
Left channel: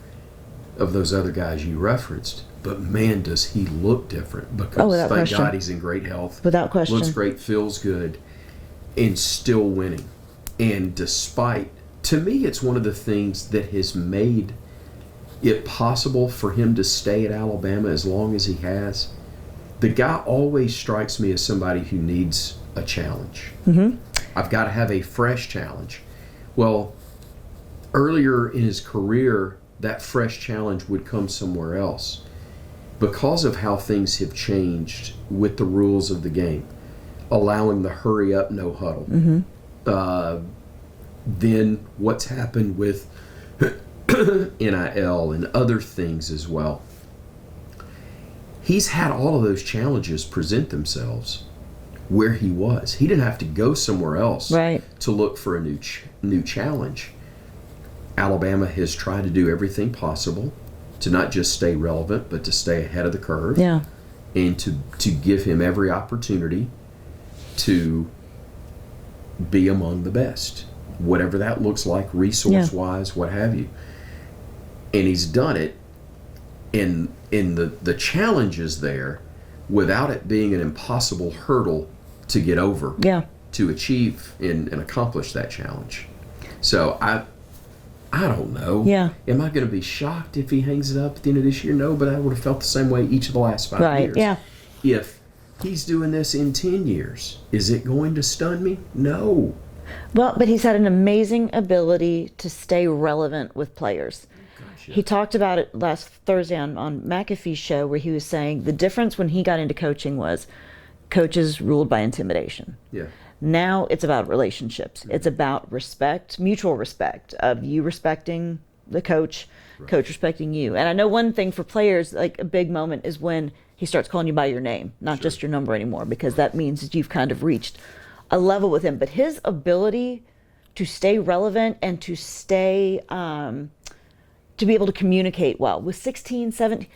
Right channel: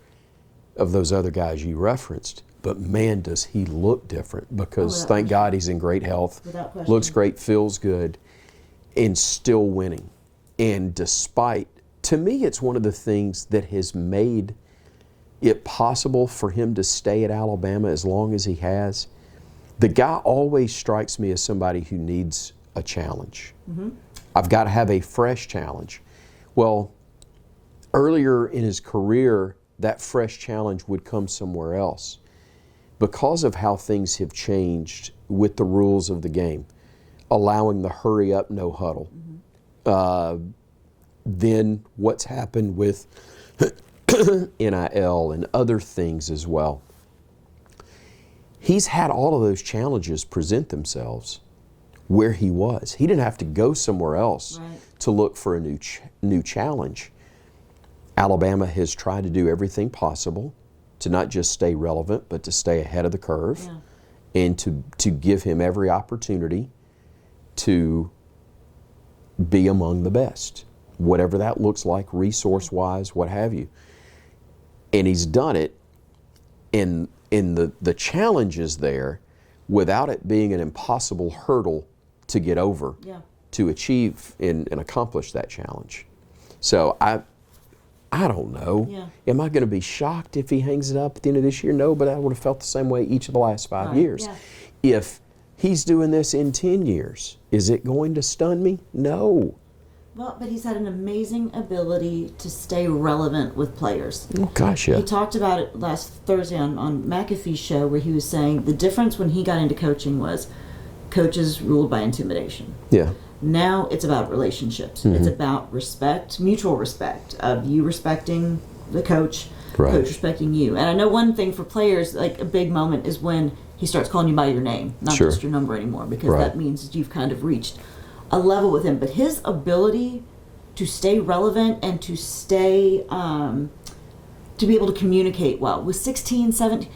of those other guys you referenced, but man, does he look different, because thank God he's in great health. Without question. Looks great, feels good, and still winning. And to me, it's one of the things that has made it possible for him to stay at Alabama as long as he has. The guy always strikes me as somebody who needs a challenge. Mm-hmm. I've got to have a fresh challenge. Well, earlier in his career, that fresh challenge would come somewhere else. Because of how things have changed with the rules of the game, allowing the hurry up, no huddle. Mm-hmm. Then what's happened with NIL and other things as well. He's had all of those challenges present themselves where he was. He didn't have to go somewhere else to look for a new challenge. Alabama has tried to do everything possible to not just stay relevant, but to stay ahead of the curve, and to give him every opportunity to be among the best, whatever that looks like, resource-wise, what have you. And he's done it, and the challenge is there without it being an impossible hurdle to get over, to achieve and accomplish that challenge. So I don't know. Am I going to be shocked if he hangs it up at the end of this year? No, but I would have felt the same way each of the last 5 years. If he's doing this in 10 years, is it going to stun me? No. Well, but he's had an amazing ability to stay relevant with players. Oh, gosh, yeah. He talked about it last Thursday on McAfee's show, where he was saying the difference when he got into coaching was coaches ruled by intimidation. Yeah. Now it's about relationships. Mm-hmm. It's about respect, mutual respect, of you respecting the coach, coach respecting you. And I know one thing for players, like a big moment, is when he starts calling you by your name, not just your number anymore, because that means that you've kind of reached a level with him. But his ability to stay relevant and to stay, to be able to communicate well with 16, 17,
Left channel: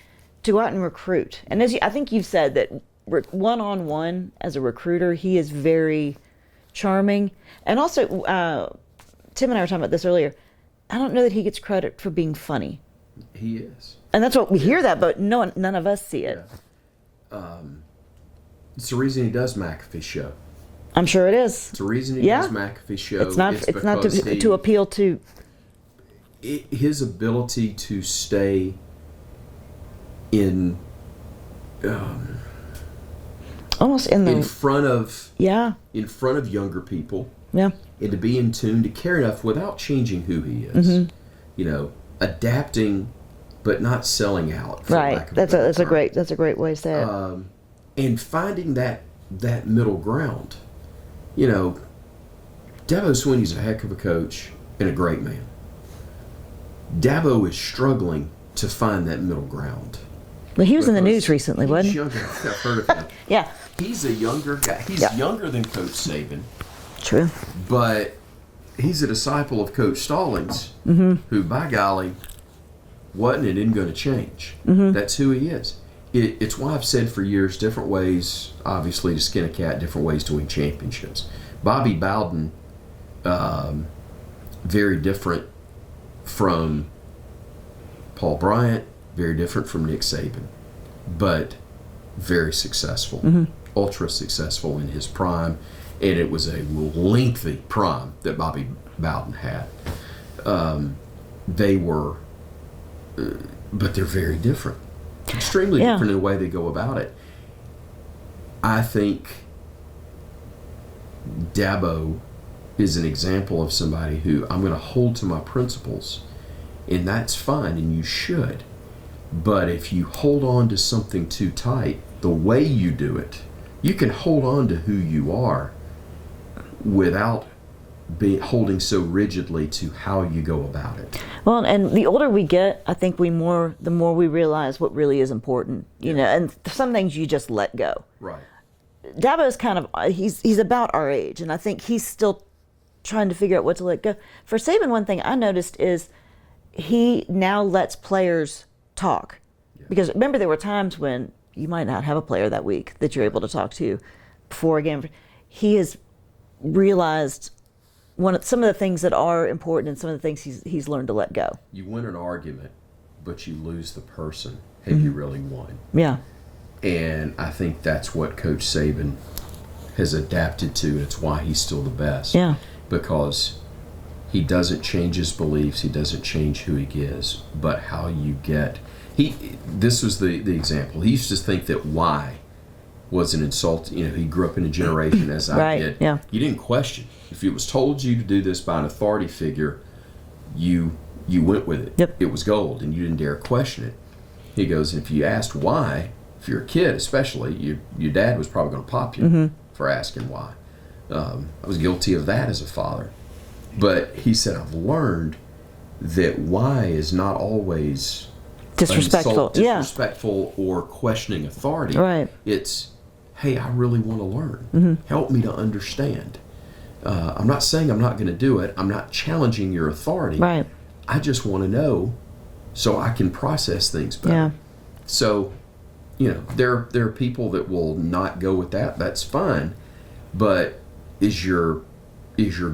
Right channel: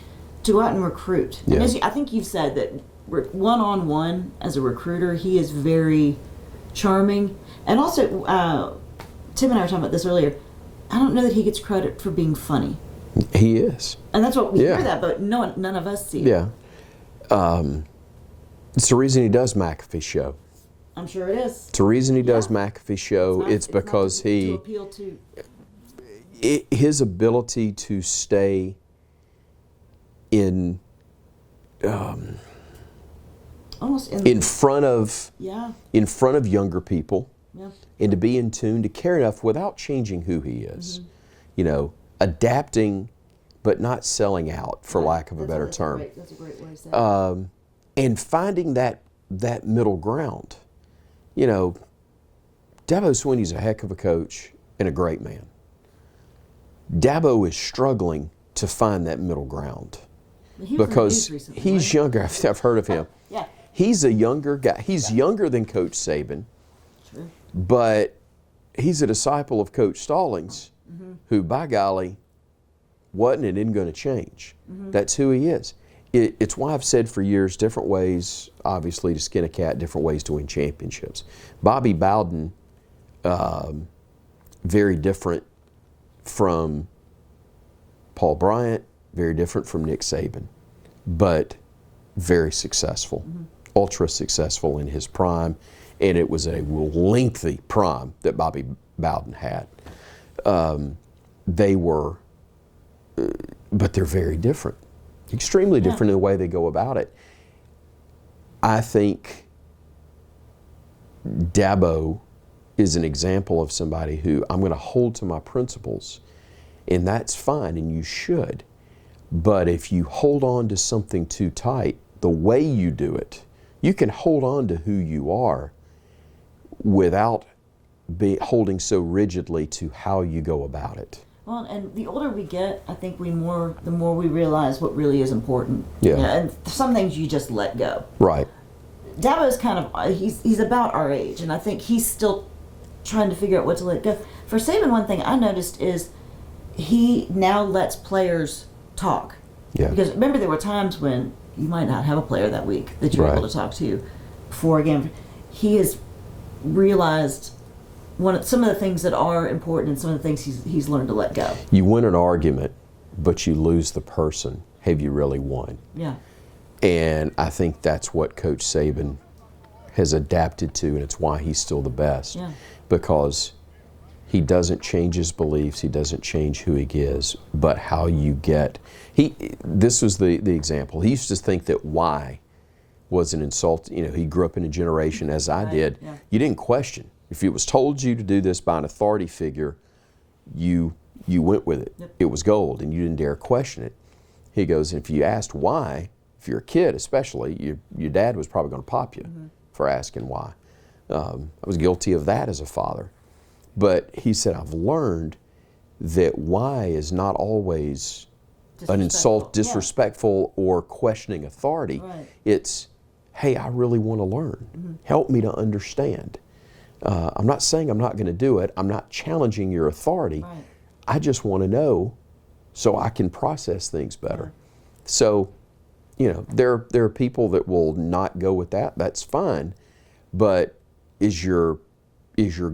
to go out and recruit. And as I think you've said that one-on-one as a recruiter, he is very charming. And also, Tim and I were talking about this earlier, I don't know that he gets credit for being funny. He is. And that's what we hear that, but none of us see it. Yeah. It's the reason he does McAfee's show. I'm sure it is. It's the reason he does McAfee's show. It's because to appeal to his ability to stay in almost in front of younger people, Yeah. And to be in tune, to care enough without changing who he is. You know, adapting, but not selling out, for lack of a better term. That's a great way to say it. And finding that middle ground. You know, Dabo Swinney's a heck of a coach and a great man. Dabo is struggling to find that middle ground. Well, he was in the news recently, wasn't he? He's younger. I've heard of him. Yeah. He's a younger guy. He's younger than Coach Saban. True. But he's a disciple of Coach Stallings, who, by golly, wasn't and isn't going to change. That's who he is. It's why I've said for years, different ways, obviously, to skin a cat, different ways to win championships. Bobby Bowden, very different from Paul Bryant, very different from Nick Saban, but very successful, ultra successful in his prime, and it was a lengthy prime that Bobby Bowden had. They were, but they're very different, extremely different in the way they go about it. I think Dabo is an example of somebody who I'm going to hold to my principles, and that's fine, and you should. But if you hold on to something too tight, the way you do it, you can hold on to who you are without holding so rigidly to how you go about it. Well, and the older we get, I think the more we realize what really is important. You know, and some things you just let go. Right. Dabo is kind of, he's about our age, and I think he's still trying to figure out what to let go. For Saban, one thing I noticed is he now lets players talk. Yeah. Because remember, there were times when you might not have a player that week that you're able to talk to before a game. He has realized some of the things that are important and some of the things he's learned to let go. You win an argument, but you lose the person. Have you really won? Yeah. And I think that's what Coach Saban has adapted to, and it's why he's still the best. Yeah. Because he doesn't change his beliefs, he doesn't change who he is, but how you get. This was the example. He used to think that why was an insult. You know, he grew up in a generation, as I did. Yeah. You didn't question. If it was told you to do this by an authority figure, you went with it. Yep. It was gold, and you didn't dare question it. He goes, if you asked why, if you're a kid especially, your dad was probably going to pop you for asking why. I was guilty of that as a father. But he said, I've learned that why is not always disrespectful or questioning authority. Right. It's, hey, I really want to learn. Help me to understand. I'm not saying I'm not going to do it. I'm not challenging your authority. Right. I just want to know so I can process things better. Yeah. So, you know, there are people that will not go with that. That's fine. But is your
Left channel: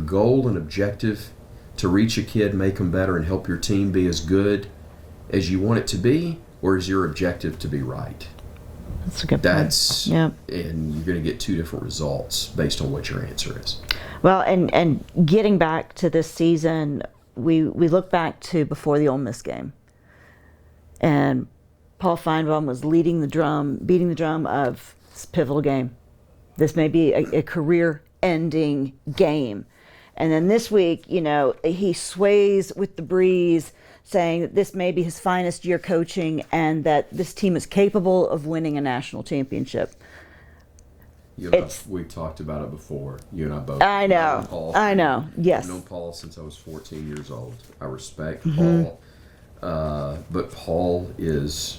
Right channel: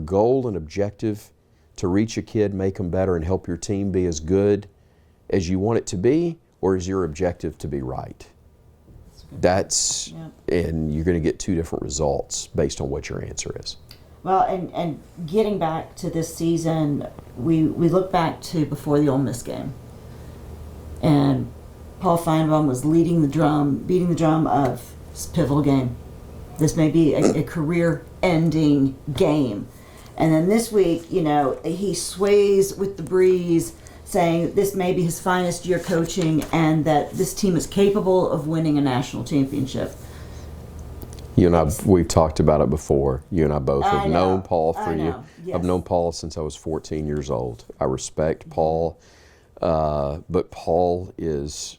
goal and objective to reach a kid, make them better, and help your team be as good as you want it to be, or is your objective to be right? That's a good point. And you're going to get two different results based on what your answer is. Well, and getting back to this season, we look back to before the Ole Miss game, and Paul Feinbaum was beating the drum of this pivotal game. This may be a career-ending game. And then this week, you know, he sways with the breeze, saying this may be his finest year coaching and that this team is capable of winning a national championship. You and I, we've talked about it before. You and I both have known Paul. Yes. I've known Paul since I was 14 years old. I respect Paul, but Paul is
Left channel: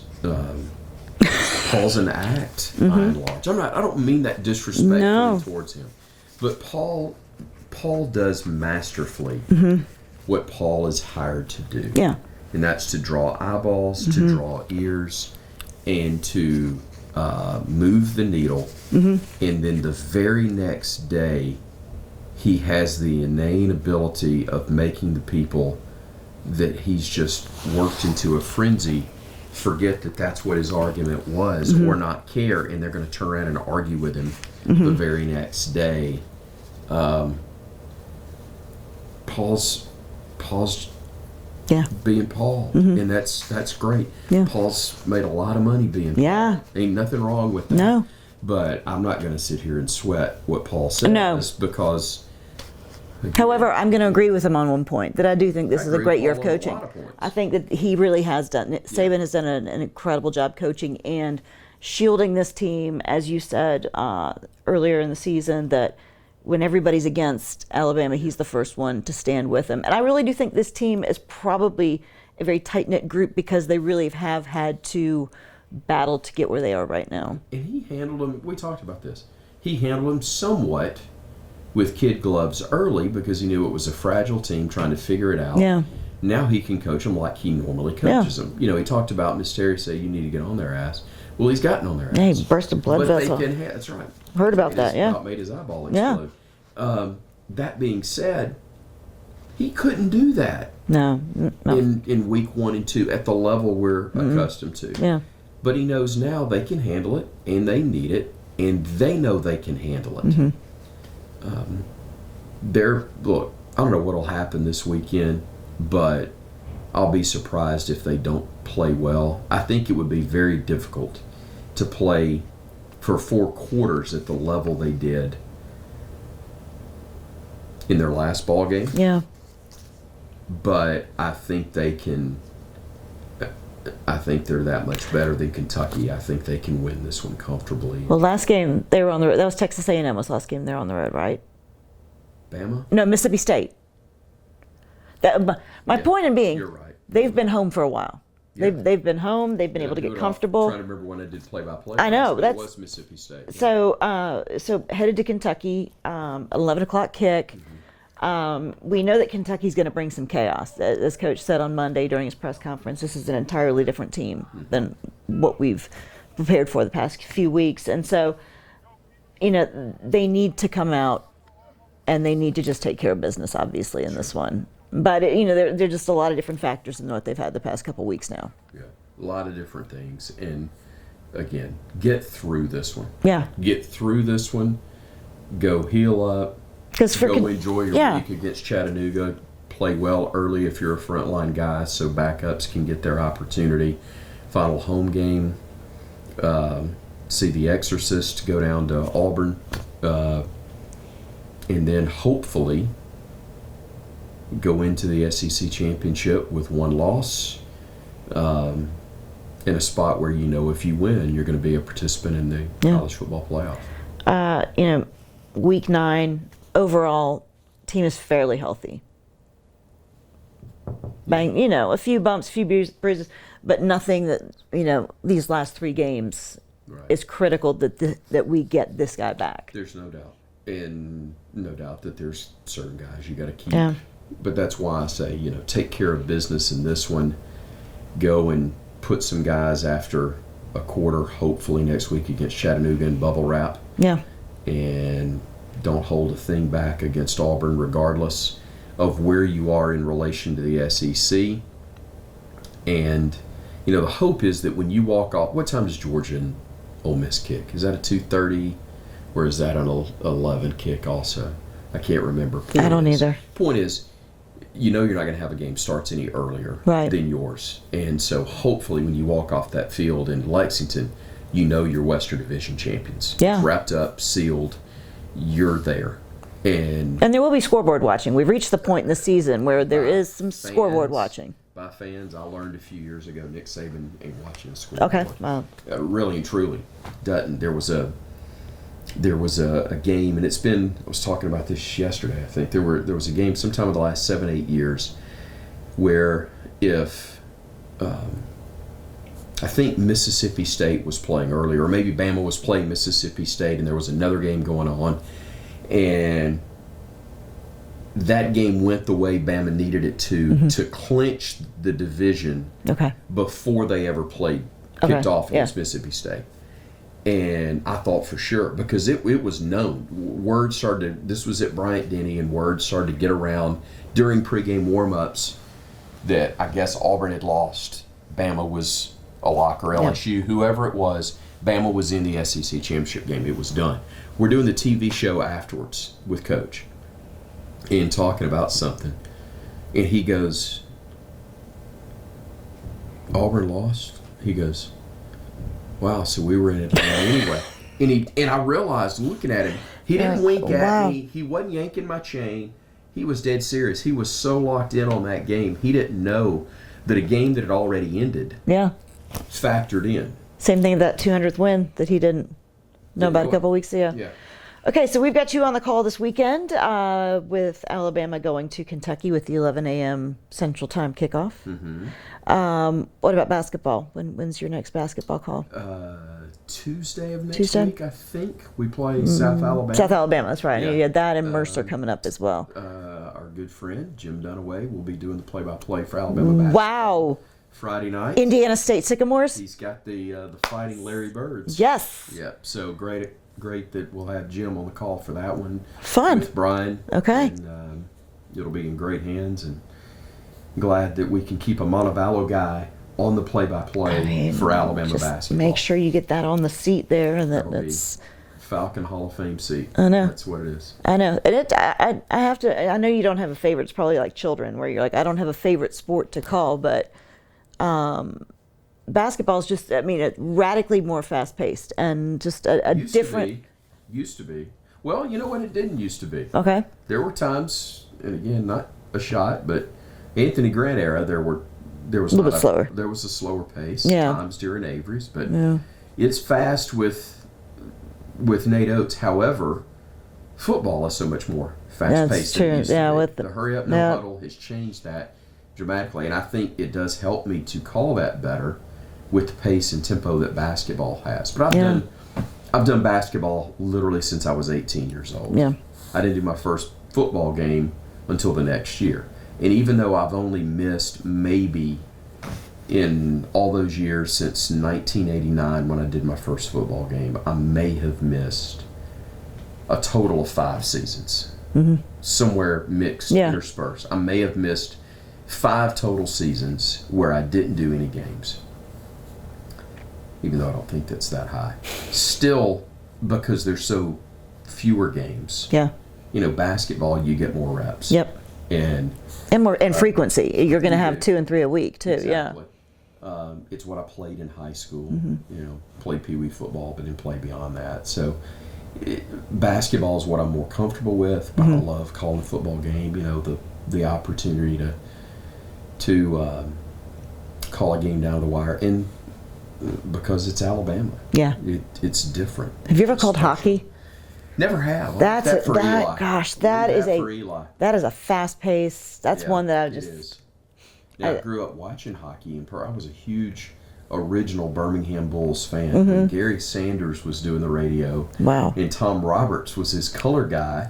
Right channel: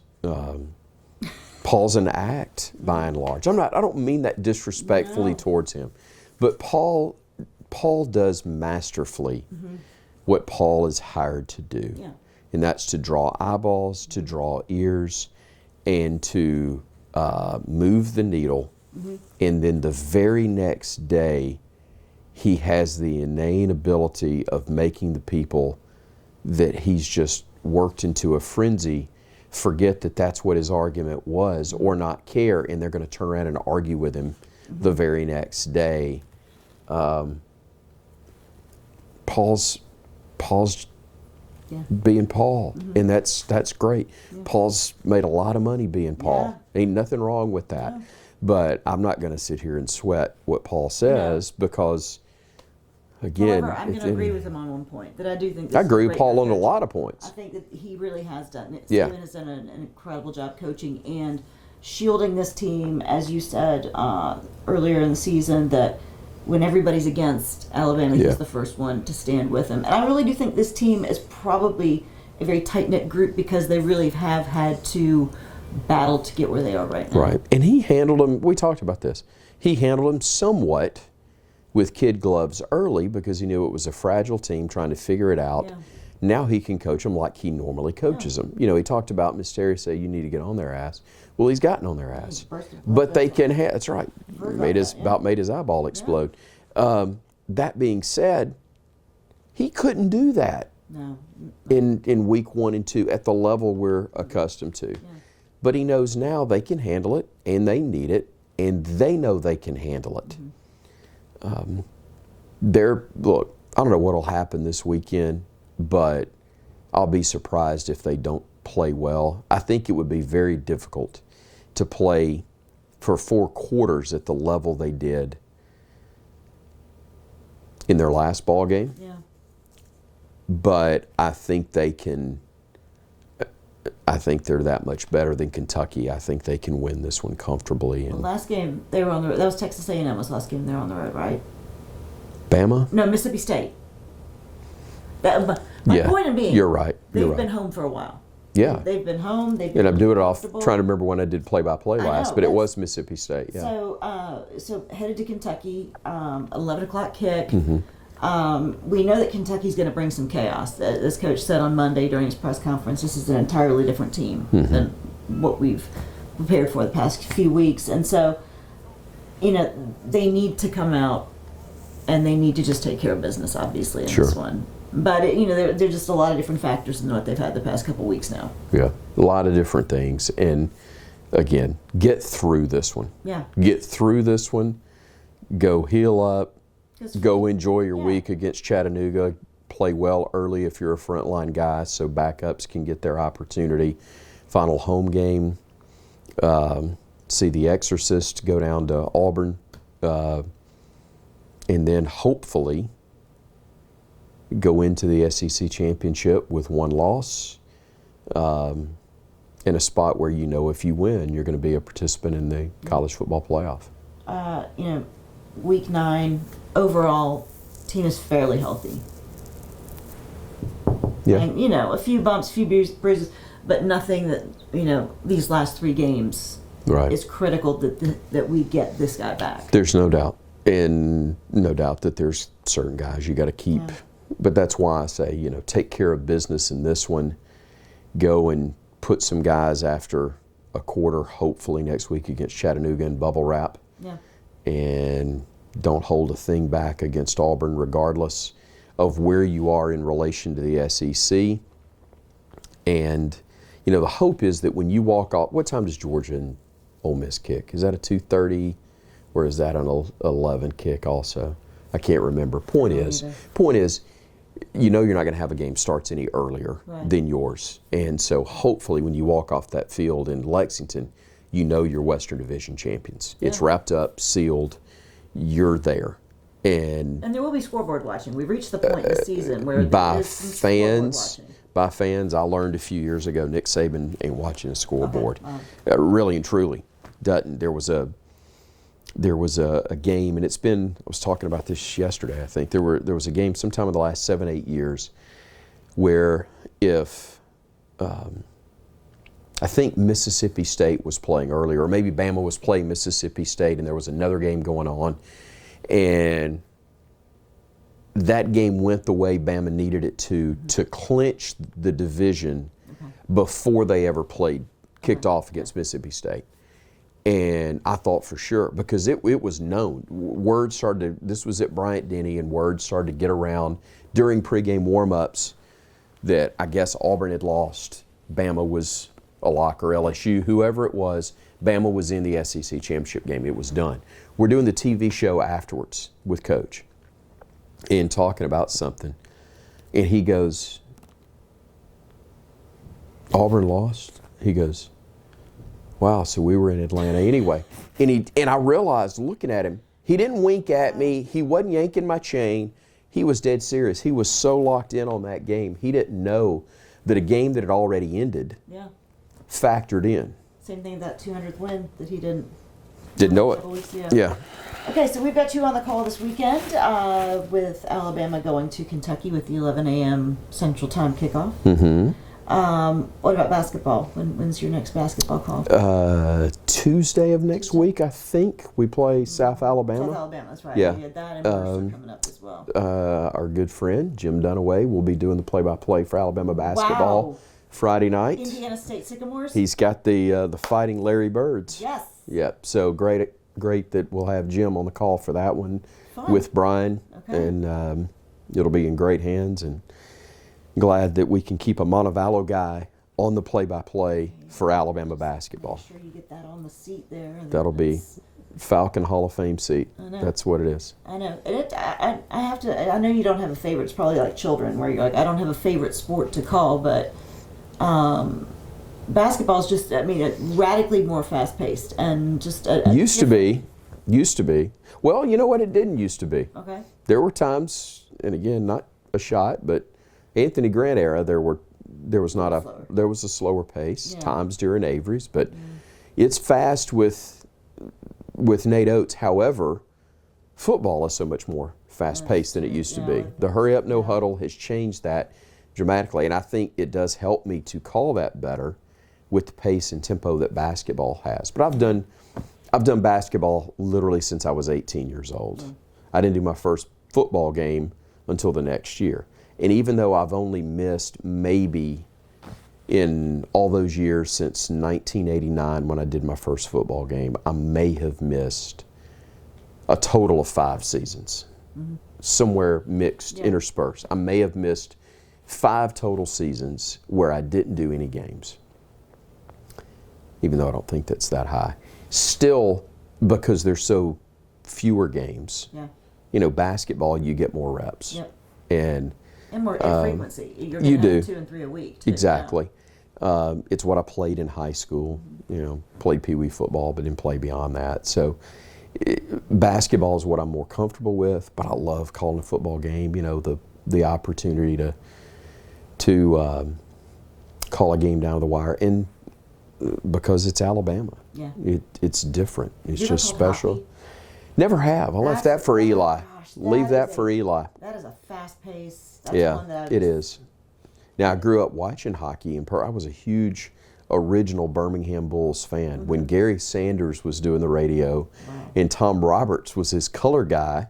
Paul's an act by and large. I don't mean that disrespectfully towards him, but Paul does masterfully what Paul is hired to do. Yeah. And that's to draw eyeballs, to draw ears, and to move the needle. And then the very next day, he has the inane ability of making the people that he's just worked into a frenzy forget that that's what his argument was or not care, and they're going to turn around and argue with him the very next day. Paul's being Paul, and that's great. Yeah. Paul's made a lot of money being Paul. Ain't nothing wrong with that. No. But I'm not going to sit here and sweat what Paul says because Again, However, I'm going to agree with him on one point, that I do think this is a great year of coaching. I agree with Paul on a lot of points. I think that he really has done it. Saban has done an incredible job coaching and shielding this team, as you said earlier in the season, that when everybody's against Alabama, he's the first one to stand with them. And I really do think this team is probably a very tight-knit group because they really have had to battle to get where they are right now. Right. And he handled them, we talked about this, he handled them somewhat with kid gloves early because he knew it was a fragile team trying to figure it out. Yeah. Now he can coach them like he normally coaches them. You know, he talked about Miss Terry say you need to get on their ass. Well, he's gotten on their ass. Yeah, he burst a blood vessel. vessel. But they can that's right. Heard about that, About made his eyeball explode. That being said, he couldn't do that. No. In week 1 and 2 at the level we're accustomed to. Yeah. But he knows now they can handle it, and they need it, and they know they can handle it. Look, I don't know what will happen this weekend, but I'll be surprised if they don't play well. I think it would be very difficult to play for 4 quarters at the level they did in their last ball game. Yeah. But I think they can. I think they're that much better than Kentucky. I think they can win this one comfortably. Well, last game they were on the road. That was Texas A&M. Was last game they were on the road, right? Bama? No, Mississippi State. My point in being, you're right. They've been home for a while. Yeah, they've been home. They've been able to get comfortable. Trying to remember when I did play-by-play last, but it was Mississippi State. Yeah. So headed to Kentucky, 11 o'clock kick. We know that Kentucky's going to bring some chaos. As Coach said on Monday during his press conference, this is an entirely different team than what we've prepared for the past few weeks. And so, they need to come out and they need to just take care of business, obviously, in this one. But, there are just a lot of different factors in what they've had the past couple weeks now. Yeah, a lot of different things. And, again, get through this one. Yeah. Get through this one. Go heal up. Go enjoy your week against Chattanooga. Play well early if you're a frontline guy so backups can get their opportunity. Final home game. See The Exorcist go down to Auburn. And then hopefully go into the SEC championship with 1 loss in a spot where if you win, you're going to be a participant in the college football playoff. Week 9, overall, team is fairly healthy. A few bumps, a few bruises, but nothing that, these last 3 games is critical that we get this guy back. There's no doubt. And no doubt that there's certain guys you got to keep. Yeah. But that's why I say, take care of business in this one. Go and put some guys after a quarter, hopefully next week against Chattanooga and bubble wrap. Yeah. And don't hold a thing back against Auburn regardless of where you are in relation to the SEC. And, the hope is that when you walk off, what time does Georgia and Ole Miss kick? Is that a 2:30 or is that an 11 kick also? I can't remember. I don't either. Point is, you're not going to have a game starts any earlier than yours. And so hopefully when you walk off that field in Lexington, you're Western Division champions. Yeah. It's wrapped up, sealed. You're there. And there will be scoreboard watching. We've reached the point in the season where there is some scoreboard watching. By fans, I learned a few years ago Nick Saban ain't watching a scoreboard. Okay. Wow. Really and truly doesn't. There was a game, and I was talking about this yesterday, I think. There was a game sometime in the last 7-8 years where if I think Mississippi State was playing earlier, or maybe Bama was playing Mississippi State, and there was another game going on, and that game went the way Bama needed it to clinch the division before they ever kicked off against Mississippi State. And I thought for sure, because it was known. Word started, this was at Bryant-Denny, and word started to get around during pregame warm-ups that I guess Auburn had lost. Bama was a lock, or LSU, whoever it was. Bama was in the SEC championship game. It was done. We're doing the TV show afterwards with Coach and talking about something. And he goes, Auburn lost? He goes, wow, so we were in Atlanta anyway. And I realized looking at him, he didn't wink at me. He wasn't yanking my chain. he was dead serious. He was so locked in on that game, he didn't know that a game that had already ended factored in. Same thing with that 200th win that he didn't know about a couple weeks ago. Yeah. Okay, so we've got you on the call this weekend with Alabama going to Kentucky with the 11 a.m. Central Time kickoff. Mm-hmm. What about basketball? When's your next basketball call? Tuesday of next week, I think. We play South Alabama. South Alabama, that's right. Yeah. You had that and Mercer coming up as well. Our good friend, Jim Dunaway, will be doing the play-by-play for Alabama basketball Friday night. Indiana State Sycamores? He's got the Fighting Larry Birds. Yes. Yep, so great that we'll have Jim on the call for that one. Fun. With Brian. Okay. And it'll be in great hands, and glad that we can keep a Montevallo guy on the play-by-play for Alabama basketball. Make sure you get that on the seat there. And that'll be Falcon Hall of Fame seat. I know. That's what it is. I know. I have to. I know you don't have a favorite. It's probably like children, where you're like, I don't have a favorite sport to call, but basketball is just. I mean, it's radically more fast-paced and just a used to be. Well, you know what? It didn't used to be. Okay. There were times, and again, not a shot, but Anthony Grant era, there was a slower pace. Times during Avery's, but it's fast with Nate Oates. However, football is so much more fast-paced than it used to be. The hurry up, no huddle has changed that dramatically, and I think it does help me to call that better with the pace and tempo that basketball has. But I've done basketball literally since I was 18 years old. Yeah. I didn't do my first football game until the next year. And even though I've only missed maybe in all those years since 1989 when I did my first football game, I may have missed a total of 5 seasons. Mm-hmm. Somewhere mixed, interspersed. I may have missed 5 total seasons where I didn't do any games. Even though I don't think that's that high. Still, because there's so fewer games. Yeah. You know, basketball, you get more reps. Yep. And frequency. You're going to have 2 and 3 a week too. Exactly. Yeah. It's what I played in high school. Mm-hmm. You know, played Pee Wee football, but didn't play beyond that. So, basketball is what I'm more comfortable with. But I love calling a football game. You know, the opportunity to call a game down the wire, and because it's Alabama. Yeah. It's different. Have you ever called hockey? Never have. I left that for Eli. Gosh, Leave that for Eli. That is a fast pace. That's one that it is. Now, I grew up watching hockey, and I was a huge original Birmingham Bulls fan when Gary Sanders was doing the radio. Wow. And Tom Roberts was his color guy.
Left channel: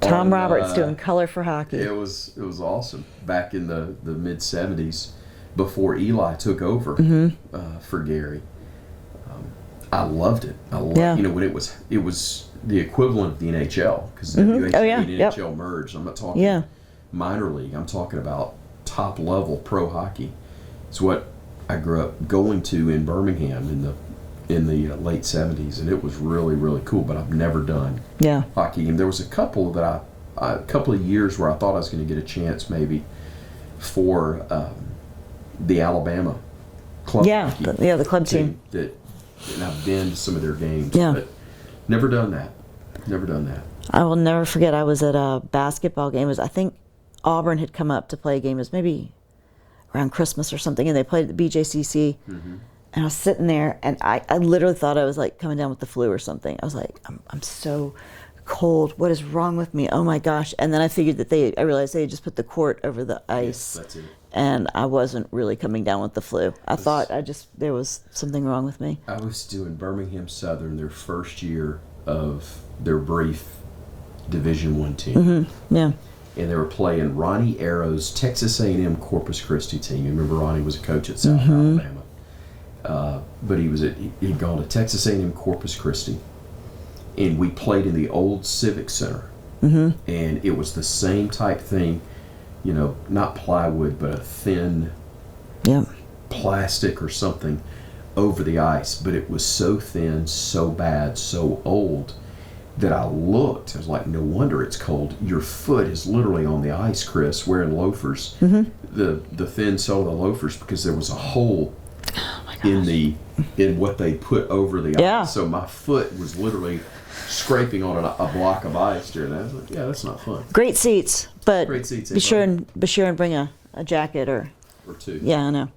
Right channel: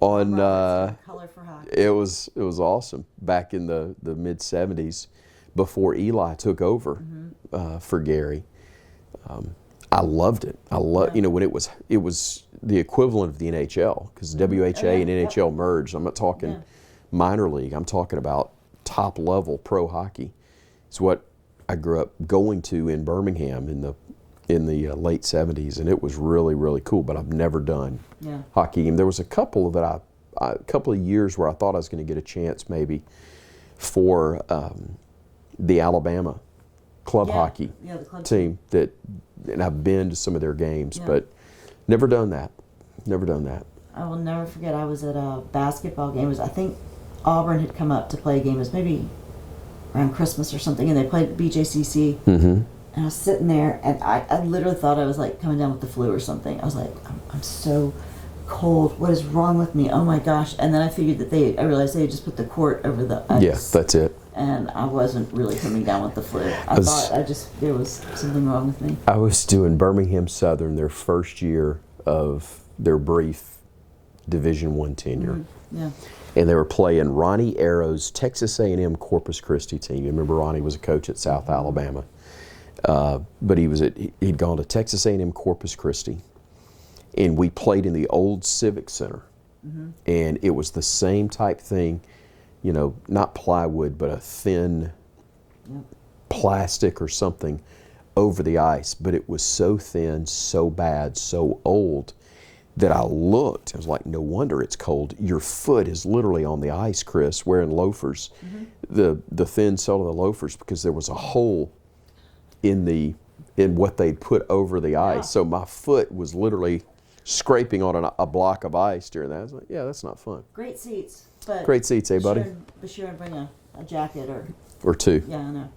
Tom Roberts doing color for hockey. It was awesome back in the mid 70s before Eli took over for Gary. I loved it. I loved you know when it was the equivalent of the NHL because WHA and NHL merged. I'm not talking minor league. I'm talking about top level pro hockey. It's what I grew up going to in Birmingham in the late 70s, and it was really, really cool. But I've never done hockey game. There was a couple of years where I thought I was going to get a chance maybe for the Alabama club hockey the club team. And I've been to some of their games, but never done that. I will never forget. I was at a basketball game. I think Auburn had come up to play a game. It was maybe around Christmas or something, and they played the BJCC. Mm-hmm. And I was sitting there, and I literally thought I was like coming down with the flu or something. I was like, I'm so cold. What is wrong with me? Oh my gosh! And then I figured I realized they just put the court over the ice. Yeah, that's it. And I wasn't really coming down with the flu. I thought there was something wrong with me. I was doing Birmingham Southern their first year of their brief Division I tenure. Mm-hmm. Yeah. And they were playing Ronnie Arrow's Texas A&M Corpus Christi team. You remember Ronnie was a coach at South Alabama. But he'd gone to Texas A&M Corpus Christi. And we played in the old Civic Center. Mm-hmm. And it was the same type thing, you know, not plywood, but a thin plastic or something over the ice. But it was so thin, so bad, so old that I looked. I was like, no wonder it's cold. Your foot is literally on the ice, Chris, wearing loafers. Mm-hmm. The thin sole of the loafers, because there was a hole in what they put over the ice. So my foot was literally scraping on a block of ice during that. Yeah, that's not fun. Great seats, but Great seats, be sure buddy? and bring a jacket or two. Yeah, I know.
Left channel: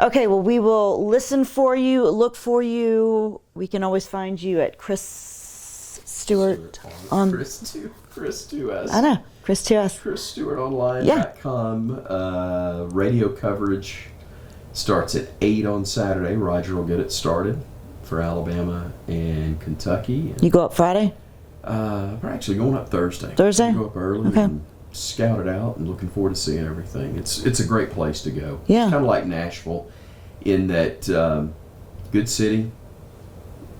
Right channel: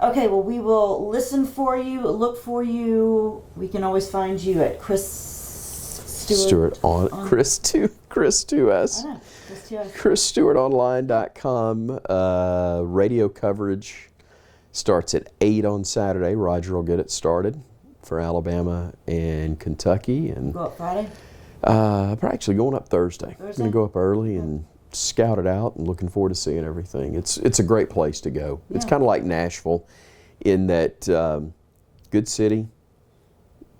Okay, well, we will listen for you, look for you. We can always find you at Chris Stewart on Chris 2S. I know, Chris 2S. ChrisStewartOnline.com. Radio coverage starts at 8 on Saturday. Roger will get it started for Alabama and Kentucky. And You go up Friday? we're actually going up Thursday. Thursday? We go up early Okay. and scout it out, and looking forward to seeing everything. It's a great place to go. Yeah. It's kind of like Nashville in that good city,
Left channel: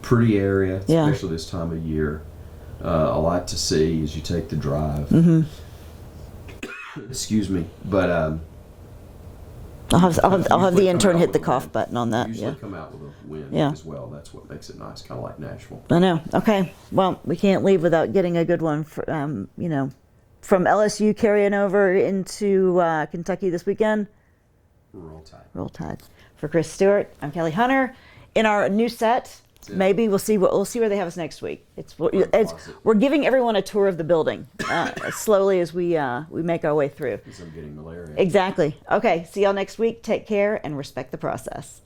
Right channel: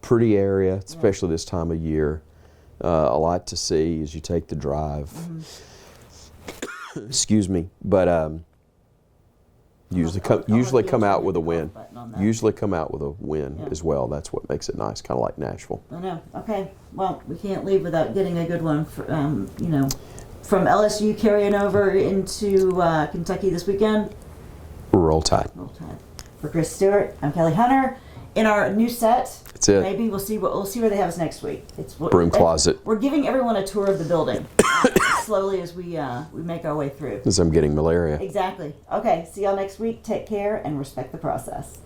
pretty area, Yeah. especially this time of year. A lot to see as you take the drive. Mm-hmm. Excuse me, but I'll have the intern hit the cough button on that. Usually come out with a win Yeah. as well. That's what makes it nice, kind of like Nashville. I know. Okay. Well, we can't leave without getting a good one. From LSU carrying over into Kentucky this weekend. Roll Tide. Roll Tide. For Chris Stewart, I'm Kelly Hunter. In our new set, That's it. maybe we'll see where they have us next week. Broom closet. We're giving everyone a tour of the building slowly as we make our way through. Because I'm getting malaria. Exactly. Okay. See y'all next week. Take care and respect the process.